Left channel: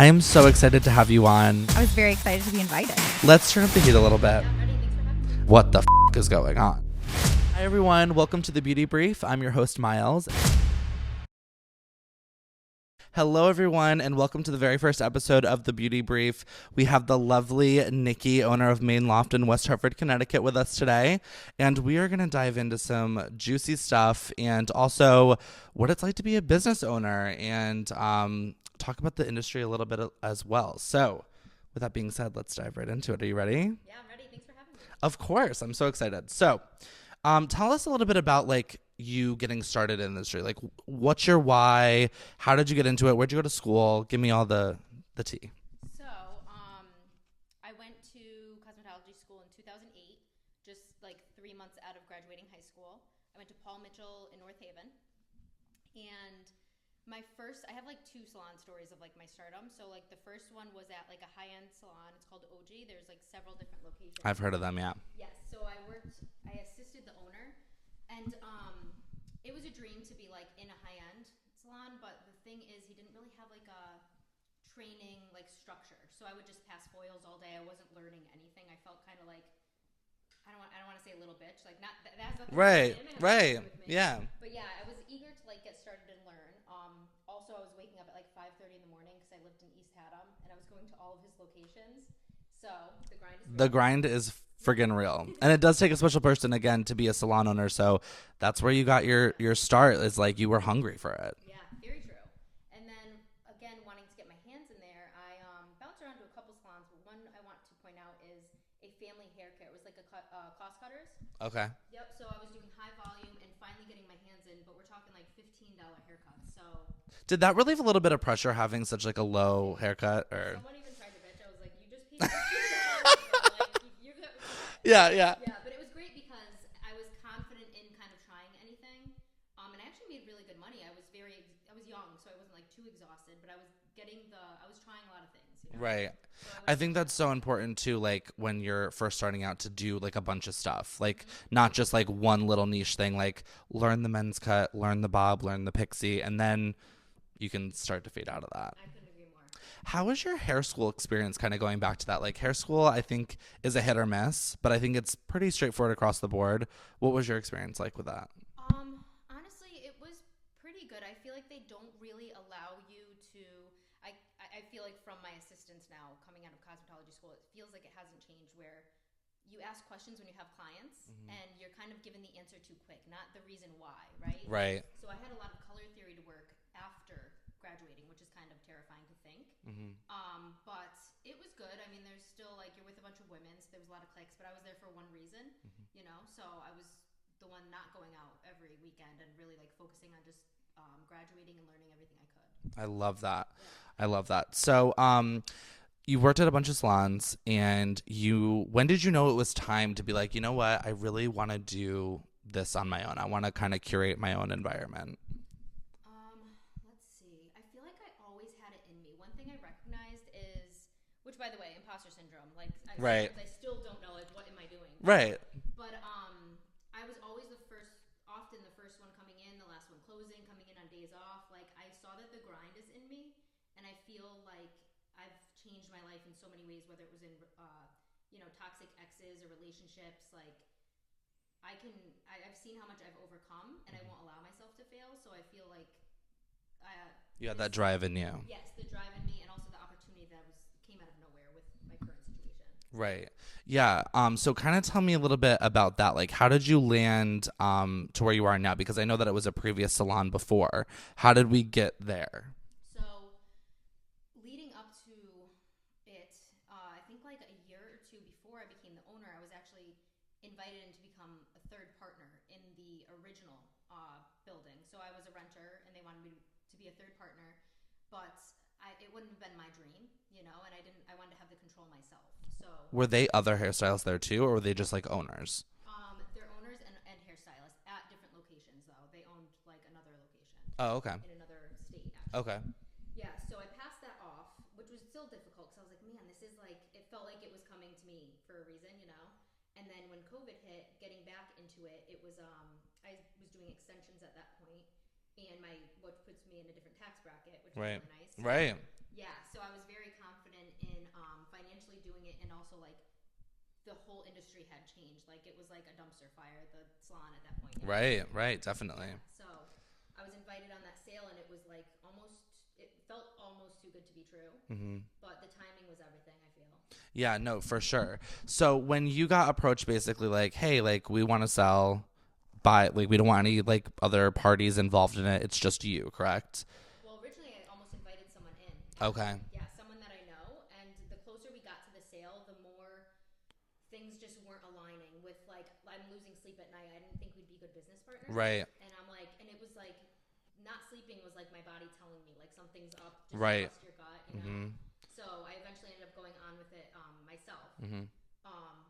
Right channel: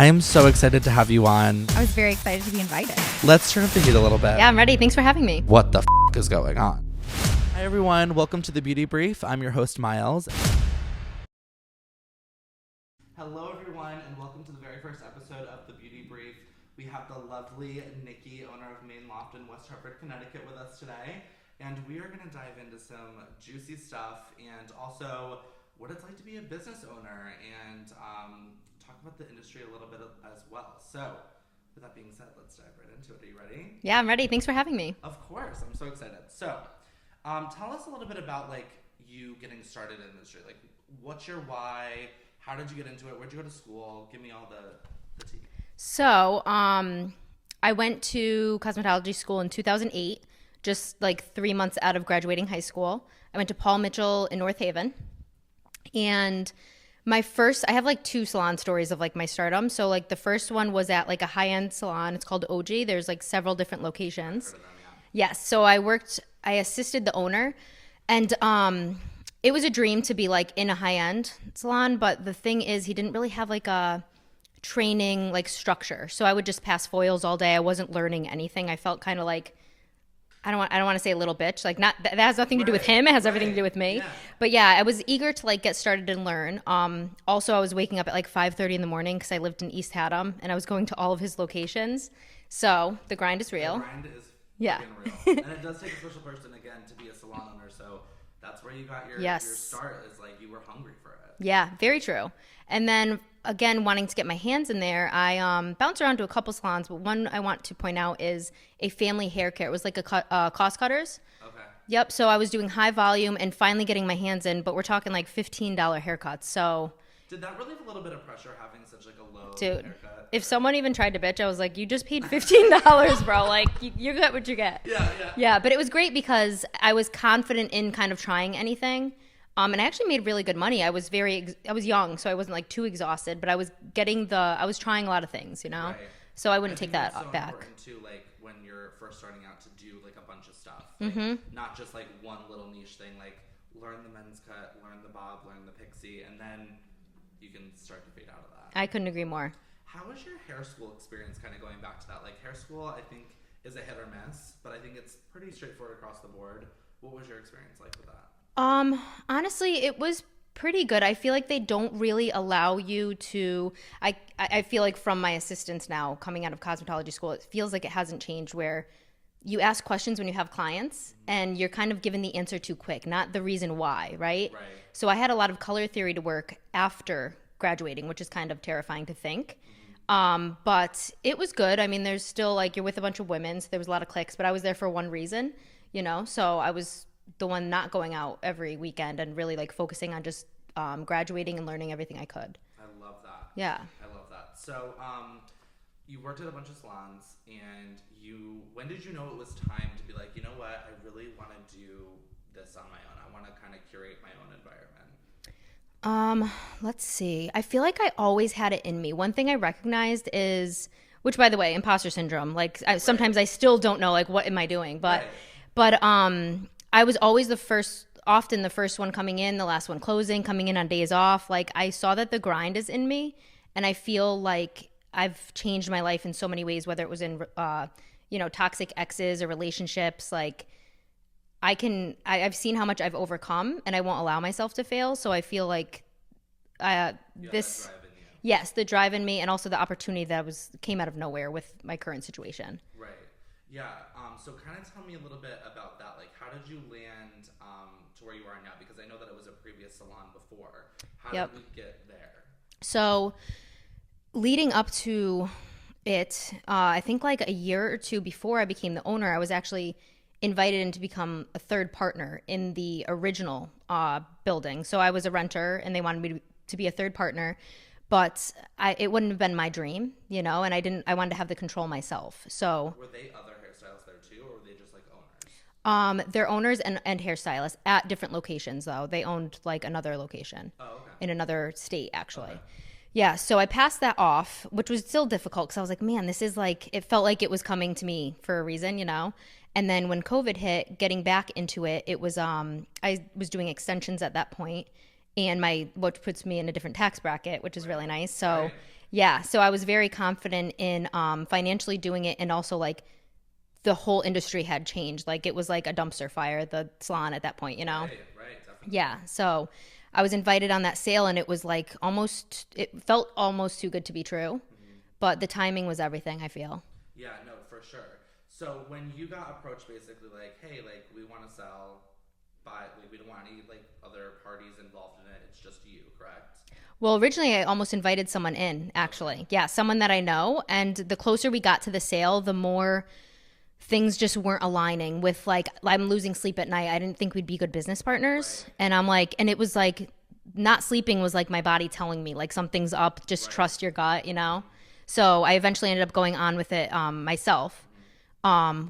I am so excited to have you on. I was very excited to be invited. Let's turn up the heat a little bit. Yeah, I'm ready. Thanks for having me. What the is going on? Hi, everyone. Welcome to the Beauty Brief. I'm your host, Miles. Hello, everyone, and welcome to the very first episode of the Beauty Brief. We have the lovely Nicky, owner of Mane Loft in West Hartford, Connecticut, with us today. And we are going to dive into some juicy stuff and also what it's like to be a business owner and talk about the industry a little bit as well. So with that being said, let's dive right into it. Are you ready? Yeah, I'm ready. Thanks for having me. Of course. I'm so excited. So tell us a little bit about like you getting started in the industry. Like, what's your why? How did you get into it? Where'd you go to school? Give me all the tea. So I went to cosmetology school in 2008, just like 3 months out of graduating high school. I went to Paul Mitchell in North Haven. And I have like two salon stories of like my stardom. So like the first one was at like a high-end salon. It's called OG. There's like several different locations. I've heard of them, yeah. Yes. So I assisted the owner, and it was a dream to be like in a high-end salon. But the thing is, he didn't really have like a training like structure. So I would just pass foils all day. I wasn't learning anything. I felt kind of like, I don't want to say a little bitch, like not that has nothing to do with him. It has everything to do with me. Yeah. But yeah, I was eager to like get started and learn. Also, I was waking up at like 5:30 in the morning because I lived in East Haddam and I was going to all of his locations. So the grind is real. The grind is friggin' real, and it does take a special person again to be a salon owner. So that's where you got your start. Is like you were hungry for it. Yeah, very true. And then again, wanting to get my hands in there, I bounced around to a couple salons, but one I want to point out is a family hair care. It was like a cost cutters. Okay. Yep. So I was doing high volume and finally getting my hands in, but we're talking like $15 haircuts. So did that relieve a little bit of pressure having such like a low haircut? If someone even tried to bitch, I was like, you just paid $15, bro. Like you get what you get. Yeah. Yeah. But it was great because I was confident in kind of trying anything. And I actually made really good money. I was young, so I wasn't like too exhausted, but I was trying a lot of things, you know? Right. So I wouldn't take that. I think that's so important too, like when you're first starting out to do like a bunch of stuff, like not just like one little niche thing, like learn the men's cut, learn the bob, learn the pixie, and then you can start to fade out of that. I couldn't agree more. How was your hair school experience, kind of going back to that? Like hair school, I think is a hit or miss, but I think it's pretty straightforward across the board. What was your experience like with that? Honestly, it was pretty good. I feel like they don't really allow you to, I feel like from my assistants now coming out of cosmetology school, it feels like it hasn't changed where you ask questions when you have clients and you're kind of given the answer too quick, not the reason why, right? Right. So I had a lot of color theory to work after graduating, which is kind of terrifying to think. But it was good. I mean, there's still like, you're with a bunch of women, so there was a lot of clicks, but I was there for one reason, you know? So I was the one not going out every weekend and really like focusing on just graduating and learning everything I could. I love that. Yeah. I love that. So you worked at a bunch of salons, and when did you know it was time to be like, you know what, I really want to do this on my own. I want to kind of curate my own environment. Let's see. I feel like I always had it in me. One thing I recognized is, which by the way, imposter syndrome. Like sometimes I still don't know like what am I doing, but I was always often the first one coming in, the last one closing, coming in on days off. Like I saw that the grind is in me, and I feel like I've changed my life in so many ways, whether it was in, toxic exes or relationships. Like I've seen how much I've overcome, and I won't allow myself to fail. So I feel like that drive in you. Yes, the drive in me, and also the opportunity that came out of nowhere with my current situation. Right. Yeah. So kind of tell me a little bit about that. Like, how did you land to where you are now? Because I know that it was a previous salon before. How did we get there? So leading up to it, I think like a year or two before I became the owner, I was actually invited in to become a third partner in the original building. So I was a renter, and they wanted me to be a third partner. But it wouldn't have been my dream, you know, and I wanted to have the control myself. So were they other hairstylists there too, or were they just like owners? They're owners and hairstylists at different locations, though. They owned like another location. Oh, okay. In another state, actually. Okay. Yeah, so I passed that off, which was still difficult because I was like, man, this is like, it felt like it was coming to me for a reason, you know? And then when COVID hit, getting back into it, it was, I was doing extensions at that point, and what puts me in a different tax bracket, which is really nice. So Yeah. So I was very confident in financially doing it, and also like the whole industry had changed. Like it was like a dumpster fire, the salon at that point, you know? Right, definitely. Yeah. So I was invited on that sale, and it was like it felt almost too good to be true. But the timing was everything, I feel. Yeah, no, for sure. So when you got approached basically like, hey, like we want to sell, but like we don't want any like other parties involved in it. It's just you, correct? Well, originally I almost invited someone in, actually. Okay. Yeah, someone that I know. And the closer we got to the sale, the more things just weren't aligning with like, I'm losing sleep at night. I didn't think we'd be good business partners. Right. And I'm like, and it was like, not sleeping was like my body telling me like something's up, just trust your gut, you know? So I eventually ended up going on with it myself,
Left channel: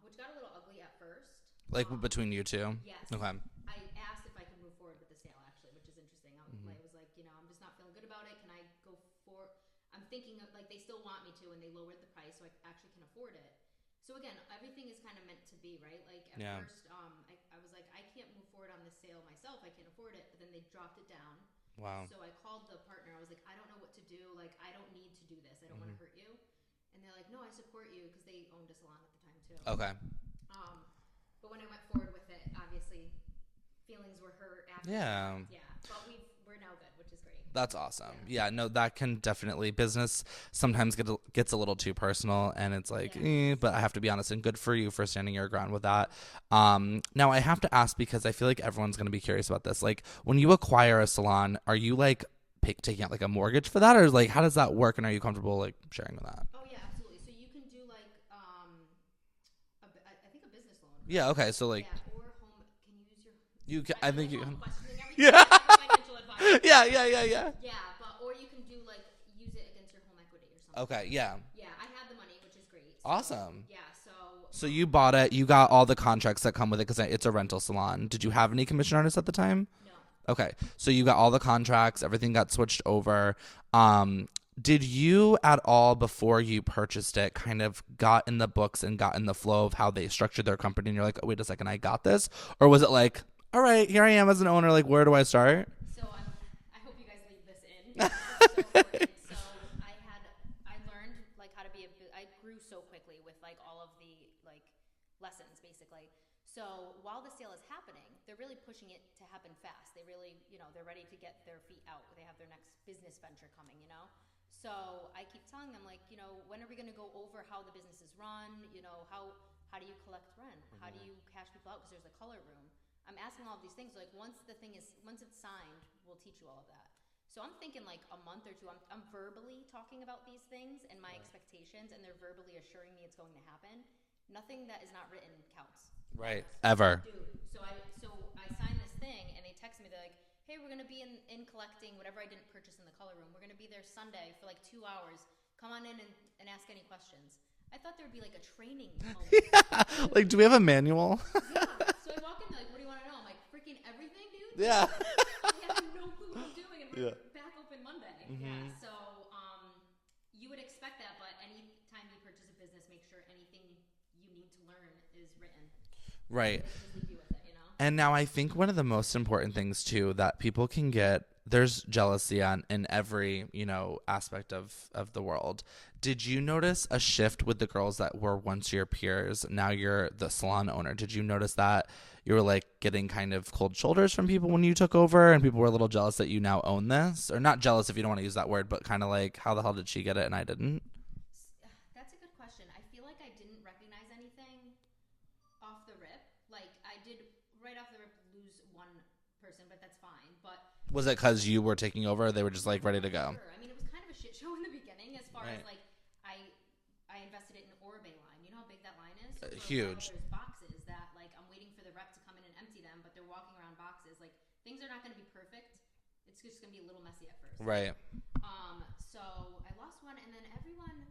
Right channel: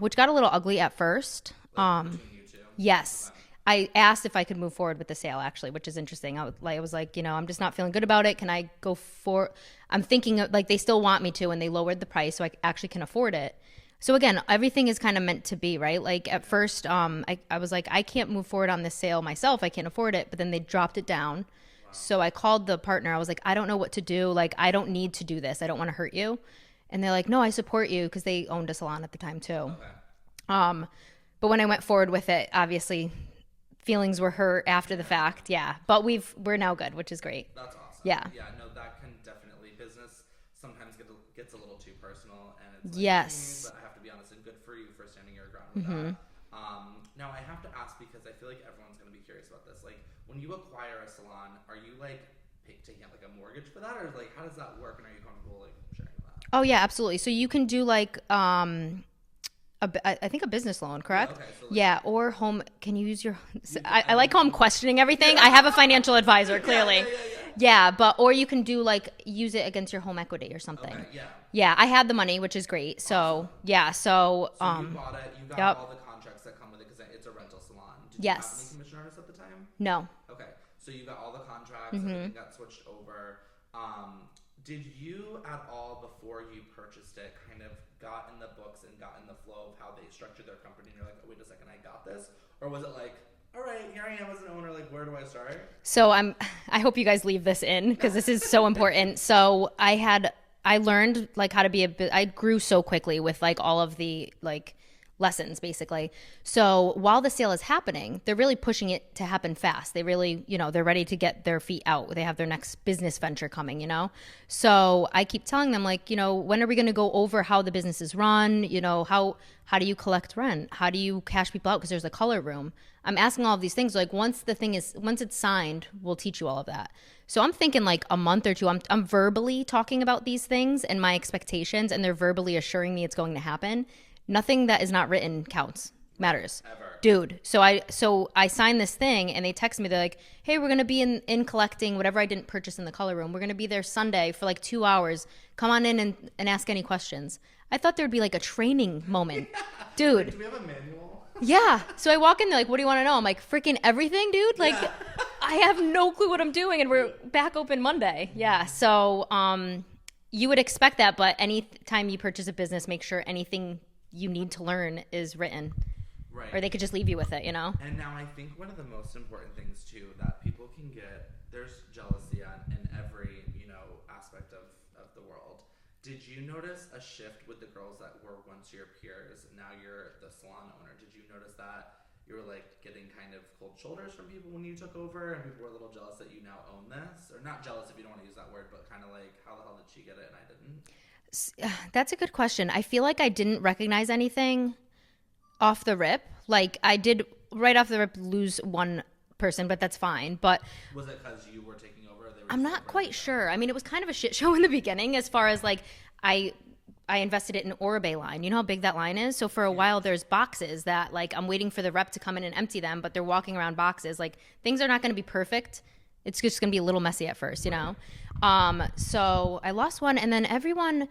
which got a little ugly at first. Like between you two? Yes. Okay. I asked if I could move forward with the sale, actually, which is interesting. I was like, I'm just not feeling good about it. Can I go for? I'm thinking like they still want me to, and they lowered the price, so I actually can afford it. So again, everything is kind of meant to be, right? Like at first, I was like, I can't move forward on this sale myself. I can't afford it. But then they dropped it down. Wow. So I called the partner. I was like, I don't know what to do. Like, I don't need to do this. I don't want to hurt you. And they're like, no, I support you, because they owned a salon at the time too. Okay. But when I went forward with it, obviously feelings were hurt after the fact. Yeah. But we're now good, which is great. That's awesome. Yeah. Yeah, no, that can definitely, business sometimes gets a little too personal, and it's like, but I have to be honest, and good for you for standing your ground with that. Now I have to ask, because I feel like everyone's going to be curious about this. Like when you acquire a salon, are you like taking out like a mortgage for that, or like how does that work, and are you comfortable like sharing with that? Oh yeah, absolutely. So you can do like, I think a business loan, correct? Yeah, okay. So like, yeah, or home. Can you use your? I like how I'm questioning everything. I have a financial advisor, clearly. Yeah, or you can do like use it against your home equity or something. Okay, yeah. Yeah, I had the money, which is great. So awesome. Yeah, so you bought it. You got all the contracts that come with it, because it's a rental salon. Did you have any commission artists at the time? No. Okay, so you got all the contracts. Everything got switched over. Did you at all, before you purchased it, kind of got in the books and got in the flow of how they structured their company, and you're like, oh, wait a second, I got this? Or was it like, all right, here I am as an owner, like, where do I start? So I hope you guys leave this in, because this is so important. So I learned like how to I grew so quickly with like all of the like lessons, basically. So while the sale is happening, they're really pushing it to happen fast. They really, they're ready to get their feet out. They have their next business venture coming, So I keep telling them, like, when are we going to go over how the business is run? How do you collect rent? How do you cash people out? Because there's a color room. I'm asking all of these things. Like once it's signed, we'll teach you all of that. So I'm thinking like a month or two, I'm verbally talking about these things and my expectations, and they're verbally assuring me it's going to happen. Nothing that is not written counts, matters. Ever. Dude. So I signed this thing, and they text me. They're like, hey, we're going to be in collecting whatever I didn't purchase in the color room. We're going to be there Sunday for like 2 hours. Come on in and ask any questions. I thought there'd be like a training moment. Dude. Like, do we have a manual? Yeah. So I walk in, they're like, what do you want to know? I'm like, freaking everything, dude. Like, I have no clue what I'm doing, and we're back open Monday. Yeah. So you would expect that, but anytime you purchase a business, make sure anything you need to learn is written, right? Or they could just leave you with it, And now I think one of the most important things too that people can get, there's jealousy in every aspect of the world. Did you notice a shift with the girls that were once your peers? Now you're the salon owner. Did you notice that you were like getting kind of cold shoulders from people when you took over, and people were a little jealous that you now own this? Or not jealous if you don't want to use that word, but kind of like, how the hell did she get it and I didn't? That's a good question. I feel like I didn't recognize anything off the rip. Like I did right off the rip lose one person, but that's fine. But was it because you were taking over, or they were just like ready to go? I'm not quite sure. I mean, it was kind of a shit show in the beginning, as far as like I invested it in Oribe line. You know how big that line is? So for a while there's boxes that like I'm waiting for the rep to come in and empty them, but they're walking around boxes. Like things are not going to be perfect. It's just going to be a little messy at first, you know? So I lost one, and then everyone,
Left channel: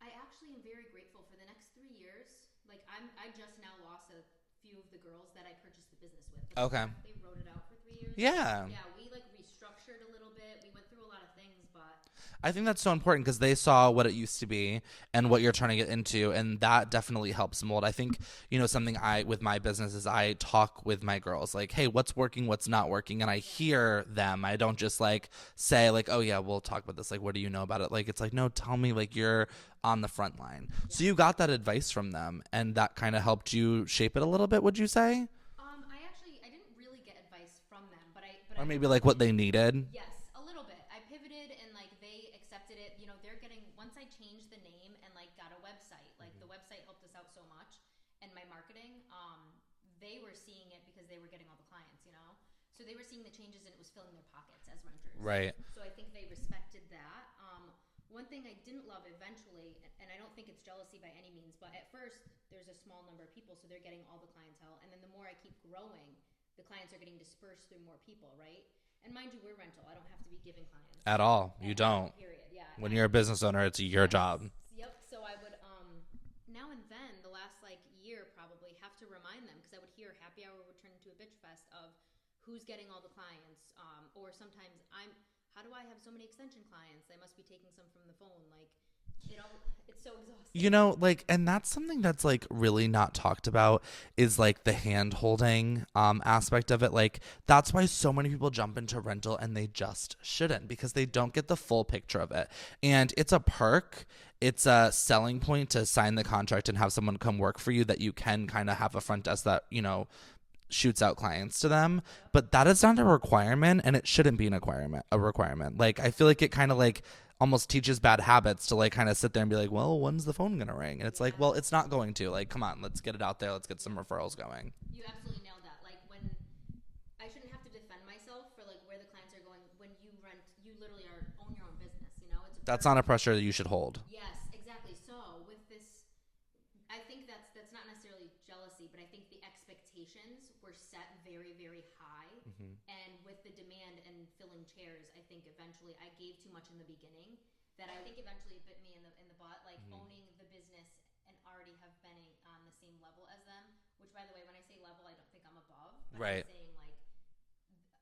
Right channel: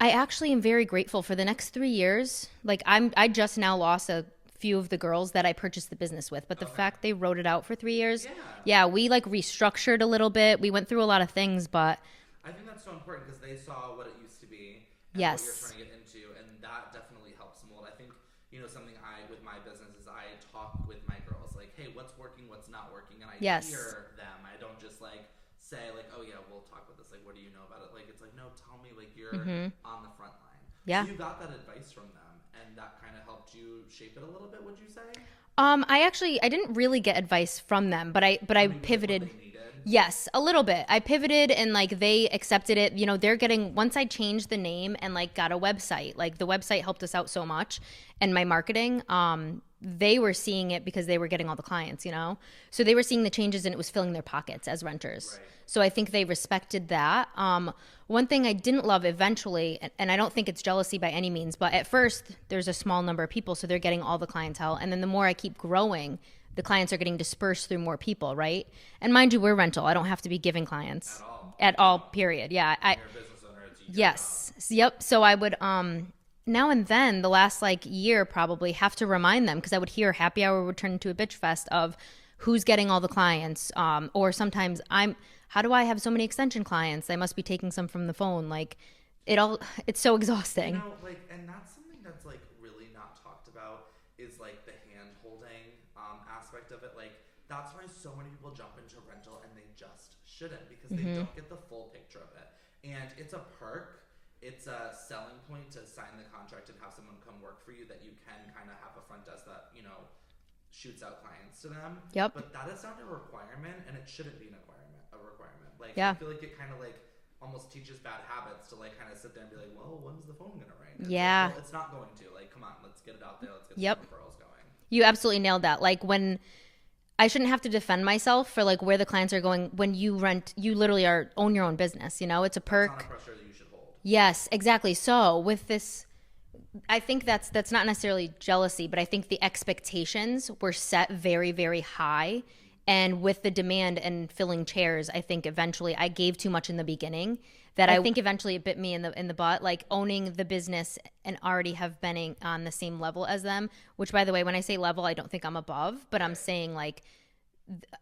I actually am very grateful for the next 3 years. Like I just now lost a few of the girls that I purchased the business with, but the fact they wrote it out for 3 years. Yeah. We like restructured a little bit. We went through a lot of things, but I think that's so important because they saw what it used to be and what you're trying to get into, and that definitely helps mold. I think, something with my business is I talk with my girls like, hey, what's working, what's not working, and I hear them. I don't just like say like, oh yeah, we'll talk about this. Like, what do you know about it? Like, it's like, no, tell me, like you're on the front line. Yeah. So you got that advice from them, and that kind of helped you shape it a little bit, would you say? I didn't really get advice from them, but I maybe pivoted. Like what they needed. Yes, a little bit. I pivoted and like they accepted it. They're getting, once I changed the name and like got a website, like the website helped us out so much, and my marketing, they were seeing it because they were getting all the clients, so they were seeing the changes and it was filling their pockets as renters. Right. So I think they respected that. One thing I didn't love eventually, and I don't think it's jealousy by any means, but at first there's a small number of people, so they're getting all the clientele. And then the more I keep growing, the clients are getting dispersed through more people, right? And mind you, we're rental. I don't have to be giving clients. At all. At all, period. Yeah. When you're a business owner, it's your job. Yep. So I would, now and then, the last like year probably, have to remind them, because I would hear happy hour would turn into a bitch fest of who's getting all the clients. Or sometimes how do I have so many extension clients? I must be taking some from the phone. Like it's so exhausting. And that's something that's like really not talked about, is like the hand holding aspect of it. Like that's why so many people jump into rental and they just shouldn't, because they don't get the full picture of it. And it's a perk. It's a selling point to sign the contract and have someone come work for you, that you can kind of have a front desk that, shoots out clients to them. Yep. But that is not a requirement, and it shouldn't be a requirement. Like, I feel like it kind of like almost teaches bad habits to like kind of sit there and be like, well, when's the phone gonna ring? And it's like, well, it's not going to. Like, come on, let's get it out there. Let's get some referrals going. You absolutely nailed that. Like, when I shouldn't have to defend myself for like where the clients are going. When you rent, you literally own your own business. It's a perk. That's not a pressure that you should hold. Yes, exactly. So with this, I think that's not necessarily jealousy, but I think the expectations were set very, very high. And with the demand and filling chairs, I think eventually I gave too much in the beginning, that I think eventually it bit me in the butt, like owning the business and already have been on the same level as them, which, by the way, when I say level, I don't think I'm above, but I'm saying like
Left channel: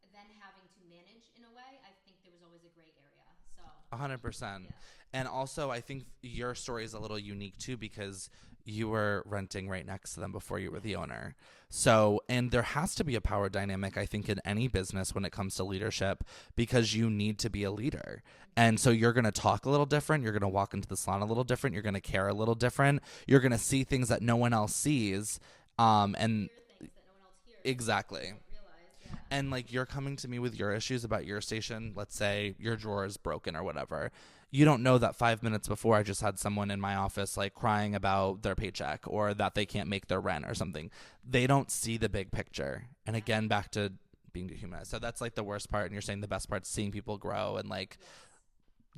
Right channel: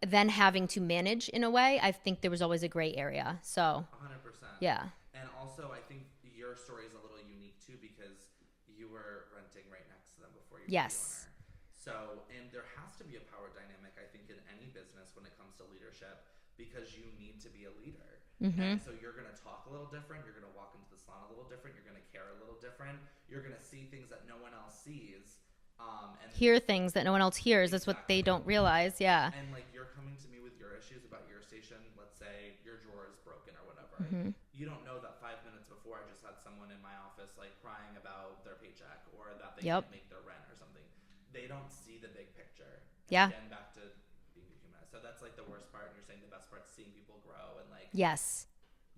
then having to manage in a way, I think there was always a gray area. So 100%. Yeah. And also I think your story is a little unique too, because you were renting right next to them before you were the owner. So, and there has to be a power dynamic, I think, in any business when it comes to leadership, because you need to be a leader. And so you're going to talk a little different. You're going to walk into the salon a little different. You're going to care a little different. You're going to see things that no one else sees. And hear things that no one else hears. Exactly. That's what they don't realize. Yeah. And like, you're coming to me with your issues about your station. Let's say your drawer is broken or whatever. You don't know that 5 minutes before I just had someone in my office like crying about their paycheck, or that they can't make their rent or something. They don't see the big picture. And again, back to being dehumanized. So that's like the worst part. And you're saying the best part's seeing people grow and like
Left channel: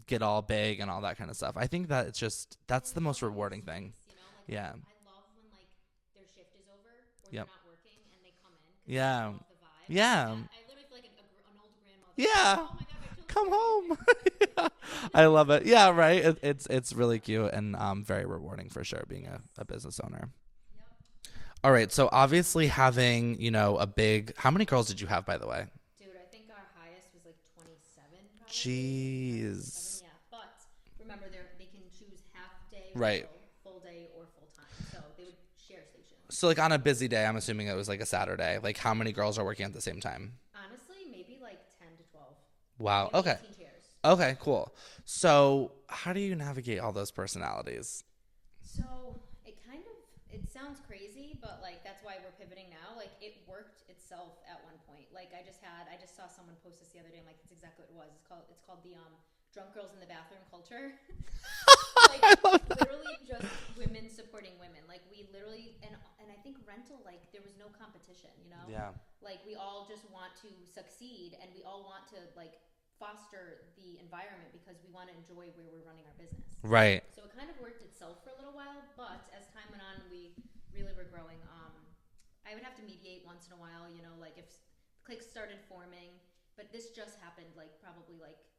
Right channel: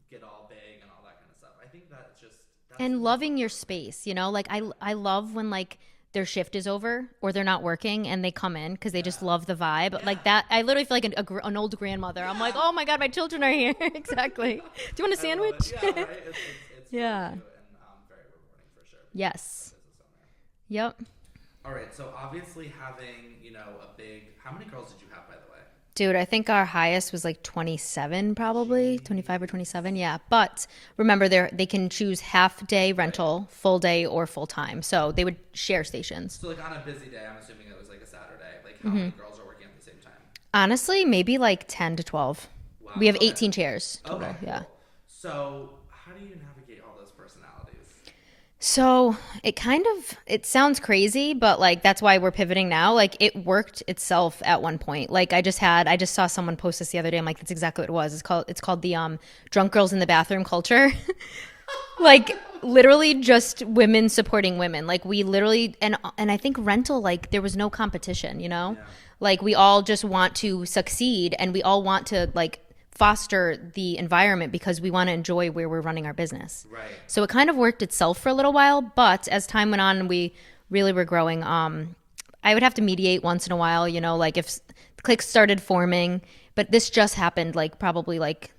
get all big and all that kind of stuff. I think that it's just, that's and the loving most your rewarding space, like I love when like their shift is over or they're not working and they come in because they just love the vibe. Like that, I literally feel like an old grandmother. I'm like, oh my God, my children are here. Exactly. Do you want a sandwich? I love it. Yeah, right. It's really cute and very rewarding for sure being a business owner. Yep. All right. So obviously having, a big, how many girls did you have, by the way? Dude, I think our highest was like 27 probably. Jeez. 25 or 27. Yeah. But remember, they can choose half day rental, full day, or full time. So they would share stations. So like on a busy day, I'm assuming it was like a Saturday. Like how many girls are working at the same time? Honestly, maybe like 10 to 12. Wow. We have 18 chairs. Okay, cool. Yeah. So how do you navigate all those personalities? So it sounds crazy, but like that's why we're pivoting now. Like it worked itself at one point. Like I just saw someone post this the other day. I'm like, that's exactly what it was. It's called the drunk girls in the bathroom culture. Like literally just women supporting women. Like we literally and I think rental, like there was no competition, Yeah. Like we all just want to succeed and we all want to like foster the environment because we want to enjoy where we're running our business. Right. So it kind of worked itself for a little while, but as time went on and we really were growing, I would have to mediate once in a while, like if cliques started forming, but this just happened like probably like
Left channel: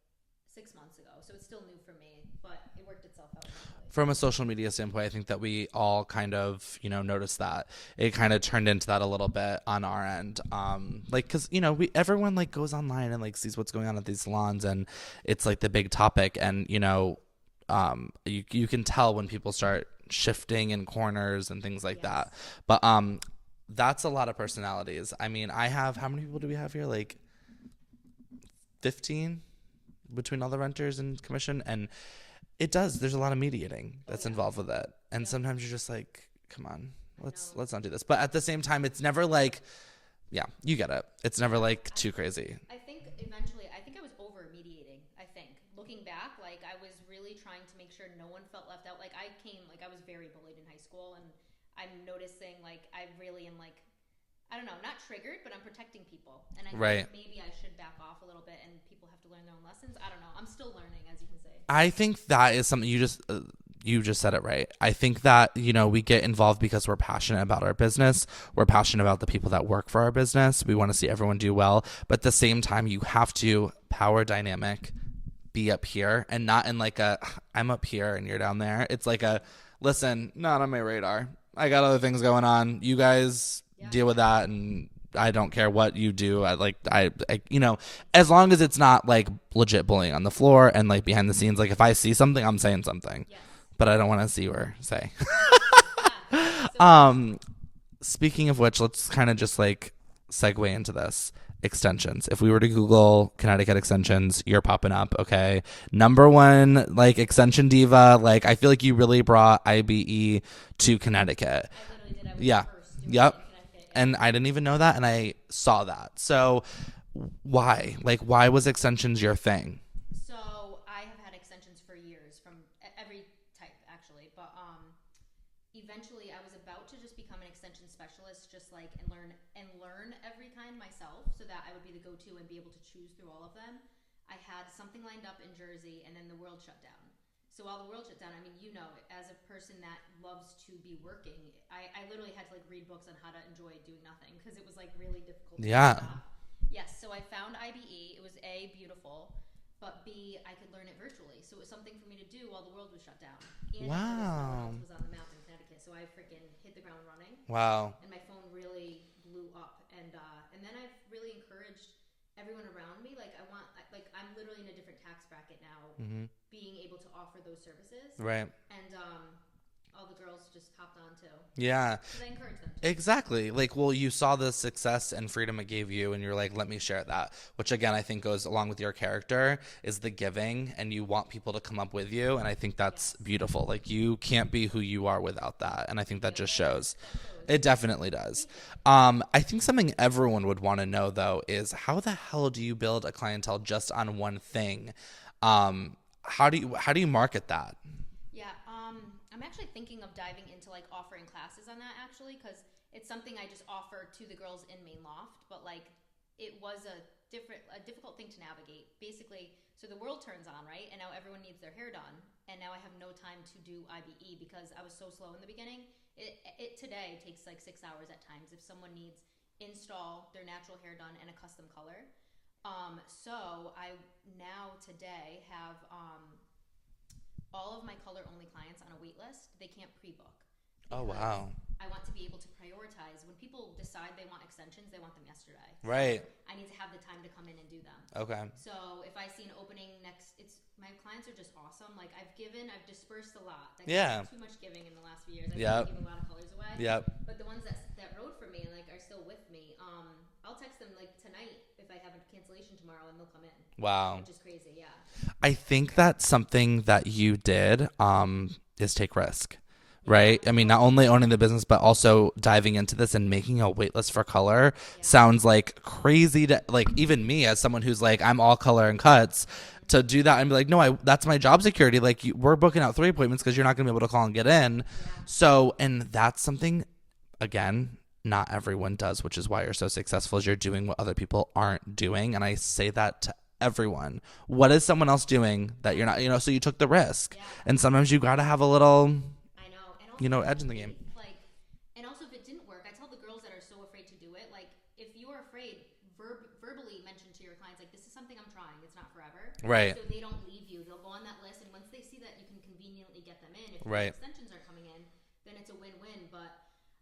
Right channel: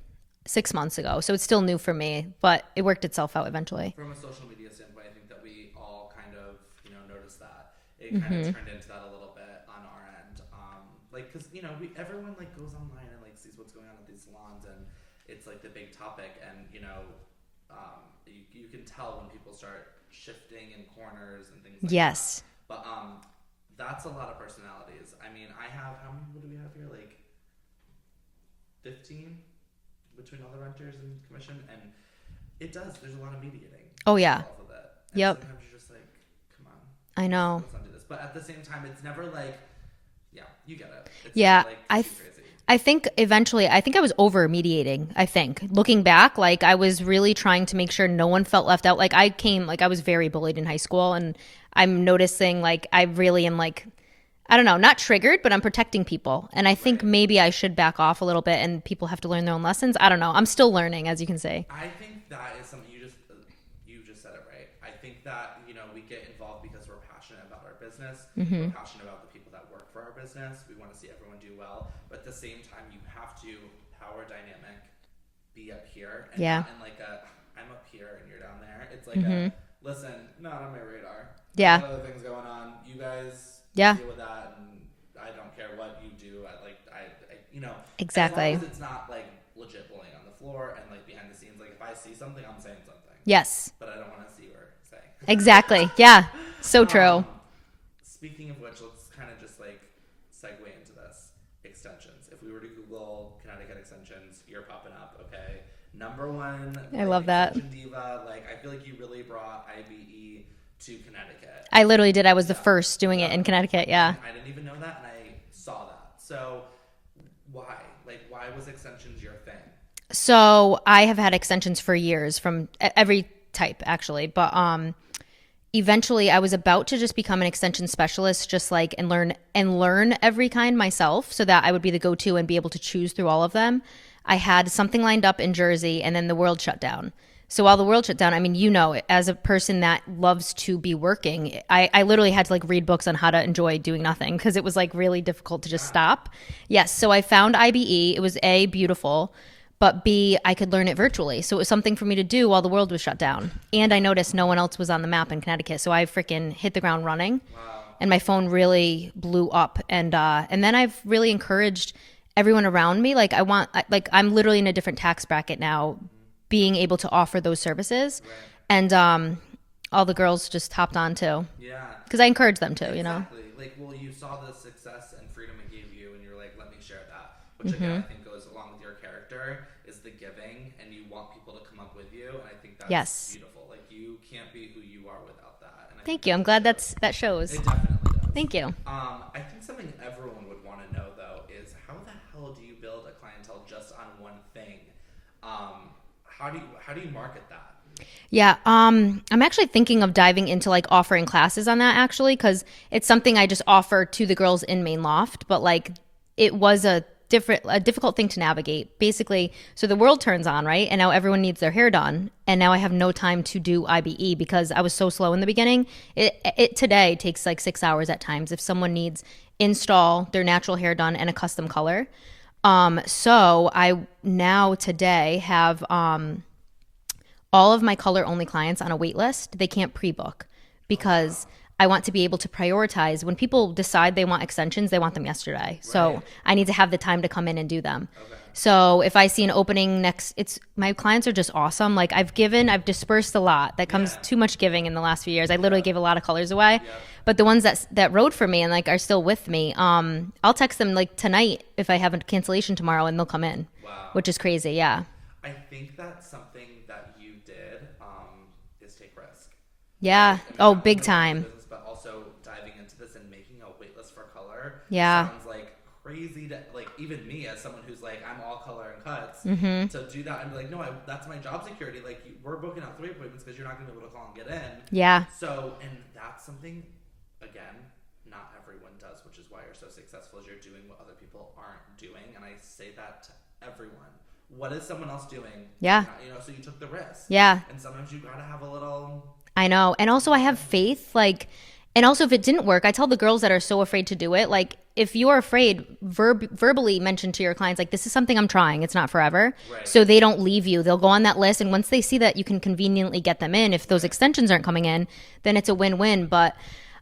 6 months ago. So it's still new for me, but it worked itself out eventually. From a social media standpoint, I think that we all kind of, noticed that it kind of turned into that a little bit on our end. Like, cause everyone like goes online and like sees what's going on at these salons, and it's like the big topic. And, you can tell when people start shifting in corners and things like that. But, that's a lot of personalities. I mean, how many people do we have here? Like 15 between all the renters and commission, and there's a lot of mediating involved with it, and sometimes you're just like, come on, let's not do this. But at the same time, it's never like, you get it, it's never like too crazy. I think eventually I was over mediating. I think looking back, like I was really trying to make sure no one felt left out. Like I was very bullied in high school, and I'm noticing like I really am like, I don't know, not triggered, but I'm protecting people. And I think maybe I should back off a little bit, and people have to learn their own lessons. I don't know. I'm still learning, as you can say. I think that is something you just said it right. I think that, we get involved because we're passionate about our business. We're passionate about the people that work for our business. We want to see everyone do well. But at the same time, you have to power dynamic, be up here, and not in like I'm up here and you're down there. It's like listen, not on my radar. I got other things going on. You guys deal with that, and I don't care what you do. Exactly. As long as it's not like legit bullying on the floor and like behind the scenes. Like if I see something, I'm saying something. Yes. But I don't want to see or say. Exactly. Yeah. So true. Speaking of which, let's kind of just like segue into this. Extensions. If we were to Google Connecticut extensions, you're popping up. Okay. Number one, like extension diva. Like I feel like you really brought IBE to Connecticut. I literally did. I was the first doing it in Connecticut. Yeah. And I didn't even know that. And I saw that. So why was extensions your thing? So I have had extensions for years from every type actually. But, eventually I was about to just become an extension specialist, just like, and learn every kind myself so that I would be the go-to and be able to choose through all of them. I had something lined up in Jersey, and then the world shut down. So while the world shut down, I mean, as a person that loves to be working, I literally had to like read books on how to enjoy doing nothing, because it was like really difficult to just stop. Yes. So I found IBE. It was A, beautiful, but B, I could learn it virtually. So it was something for me to do while the world was shut down. And I noticed no one else was on the map in Connecticut. So I freaking hit the ground running. Wow. And my phone really blew up. And then I've really encouraged everyone around me. Like I'm literally in a different tax bracket now, being able to offer those services. Right. And all the girls just hopped on too. Yeah. Because I encourage them to, Exactly. Like, well, you saw the success and freedom it gave you, and you're like, let me share that. Which, again, I think goes along with your character, is the giving, and you want people to come up with you. And I think that's beautiful. Like, you can't be who you are without that. And I think that I'm glad that shows. It definitely does. Thank you. I think something everyone would want to know, though, is how the hell do you build a clientele just on one thing? How do you market that? Yeah, I'm actually thinking of diving into like offering classes on that, actually, because it's something I just offer to the girls in Mane Loft, but like it was a difficult thing to navigate. Basically, so the world turns on, right? And now everyone needs their hair done, and now I have no time to do IBE because I was so slow in the beginning. It today takes like 6 hours at times if someone needs install their natural hair done and a custom color. So I now today have all of my color only clients on a wait list. They can't pre-book because I want to be able to prioritize. When people decide they want extensions, they want them yesterday. Right. So I need to have the time to come in and do them. Okay. So if I see an opening my clients are just awesome. Like I've dispersed a lot. That comes too much giving in the last few years. I literally gave a lot of colors away. Yep. But the ones that rode for me and like are still with me, I'll text them like tonight if I have a cancellation tomorrow, and they'll come in. Wow. Which is crazy. Yeah. I think that's something that you did is take risk. Yeah. Right? I mean, not only owning the business, but also diving into this and making a wait list for color sounds like crazy to, like, even me as someone who's like, I'm all color and cuts, to do that and be like, no, that's my job security. Like, we're booking out 3 appointments because you're not going to be able to call and get in. Yeah. So, and that's something, again, not everyone does, which is why you're so successful, is you're doing what other people aren't doing. And I say that to everyone. What is someone else doing that you're not, so you took the risk. Yeah. And sometimes you got to have a little... I know. And also I have faith, like, and also if it didn't work, I tell the girls that are so afraid to do it, like, if you're afraid, verbally mention to your clients, like, this is something I'm trying. It's not forever. Right. So they don't leave you. They'll go on that list. And once they see that you can conveniently get them in, if those extensions aren't coming in, then it's a win-win. But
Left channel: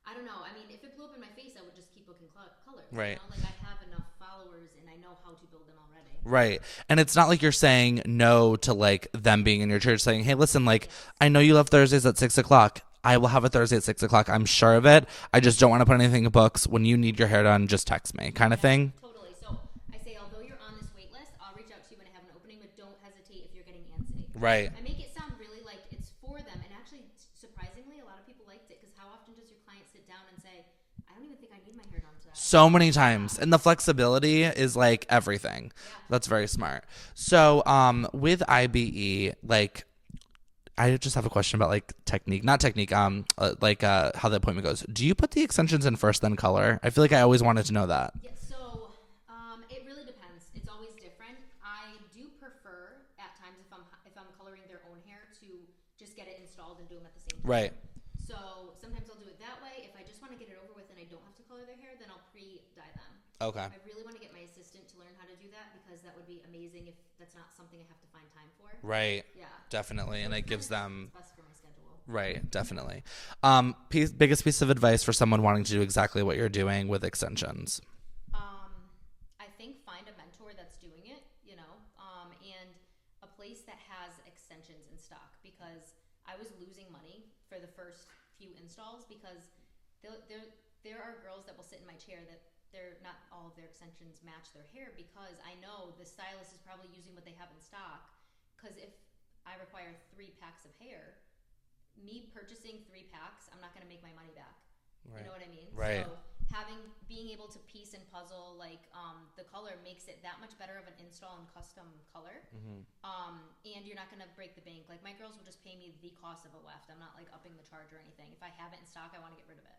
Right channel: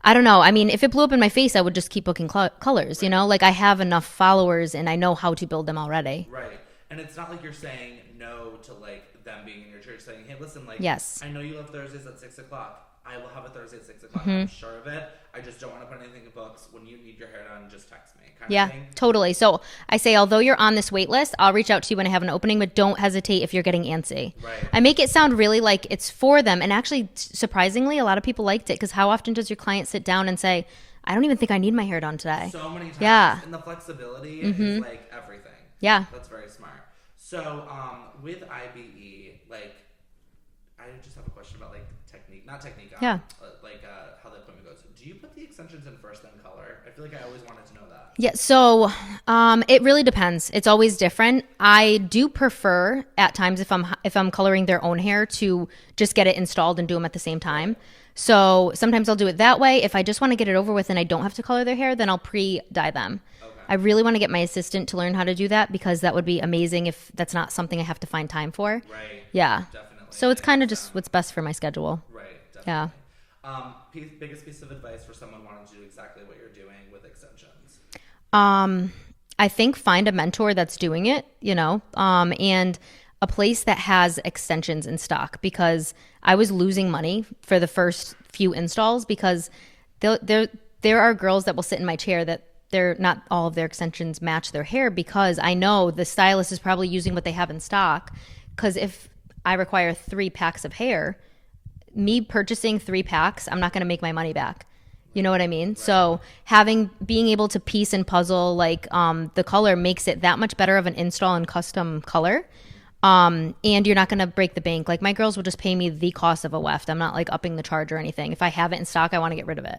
I don't know. I mean, if it blew up in my face, I would just keep booking colors, you know? Like, I have enough followers and I know how to build them already. Right. And it's not like you're saying no to, like, them being in your church, saying, hey, listen, like, I know you love Thursdays at 6 o'clock. I will have a Thursday at 6 o'clock. I'm sure of it. I just don't want to put anything in books. When you need your hair done, just text me, kind of thing. Totally. So I say, although you're on this wait list, I'll reach out to you when I have an opening, but don't hesitate if you're getting antsy. Right. I make it sound really like it's for them. And actually, surprisingly, a lot of people liked it, because how often does your client sit down and say, I don't even think I need my hair done today? So many times. Yeah. And the flexibility is like everything. Yeah. That's very smart. So with IBE, like, I just have a question about, like, technique, not technique, how the appointment goes. Do you put the extensions in first, then color? I feel like I always wanted to know that. Yeah. So it really depends. It's always different. I do prefer at times, if I'm coloring their own hair, to just get it installed and do them at the same time. Right. So sometimes I'll do it that way. If I just want to get it over with and I don't have to color their hair, then I'll pre-dye them. Okay. I really want to get my assistant to learn how to do that, because that would be amazing if that's not something I have to find time for. Right. Yeah. Definitely. So it's kind of just what's best for my schedule. Right. Definitely. Yeah. Biggest piece of advice for someone wanting to do exactly what you're doing with extensions? I think find a mentor that's doing it, you know, and a place that has extensions in stock, because I was losing money for the first few installs, because there are girls that will sit in my chair that they're not all of their extensions match their hair, because I know the stylist is probably using what they have in stock. Because if I require 3 packs of hair, me purchasing 3 packs, I'm not going to make my money back. You know what I mean? Right. So being able to piece and puzzle, like, the color makes it that much better of an install and custom color. And you're not going to break the bank. Like, my girls will just pay me the cost of a weft. I'm not, like, upping the charge or anything. If I have it in stock, I want to get rid of it.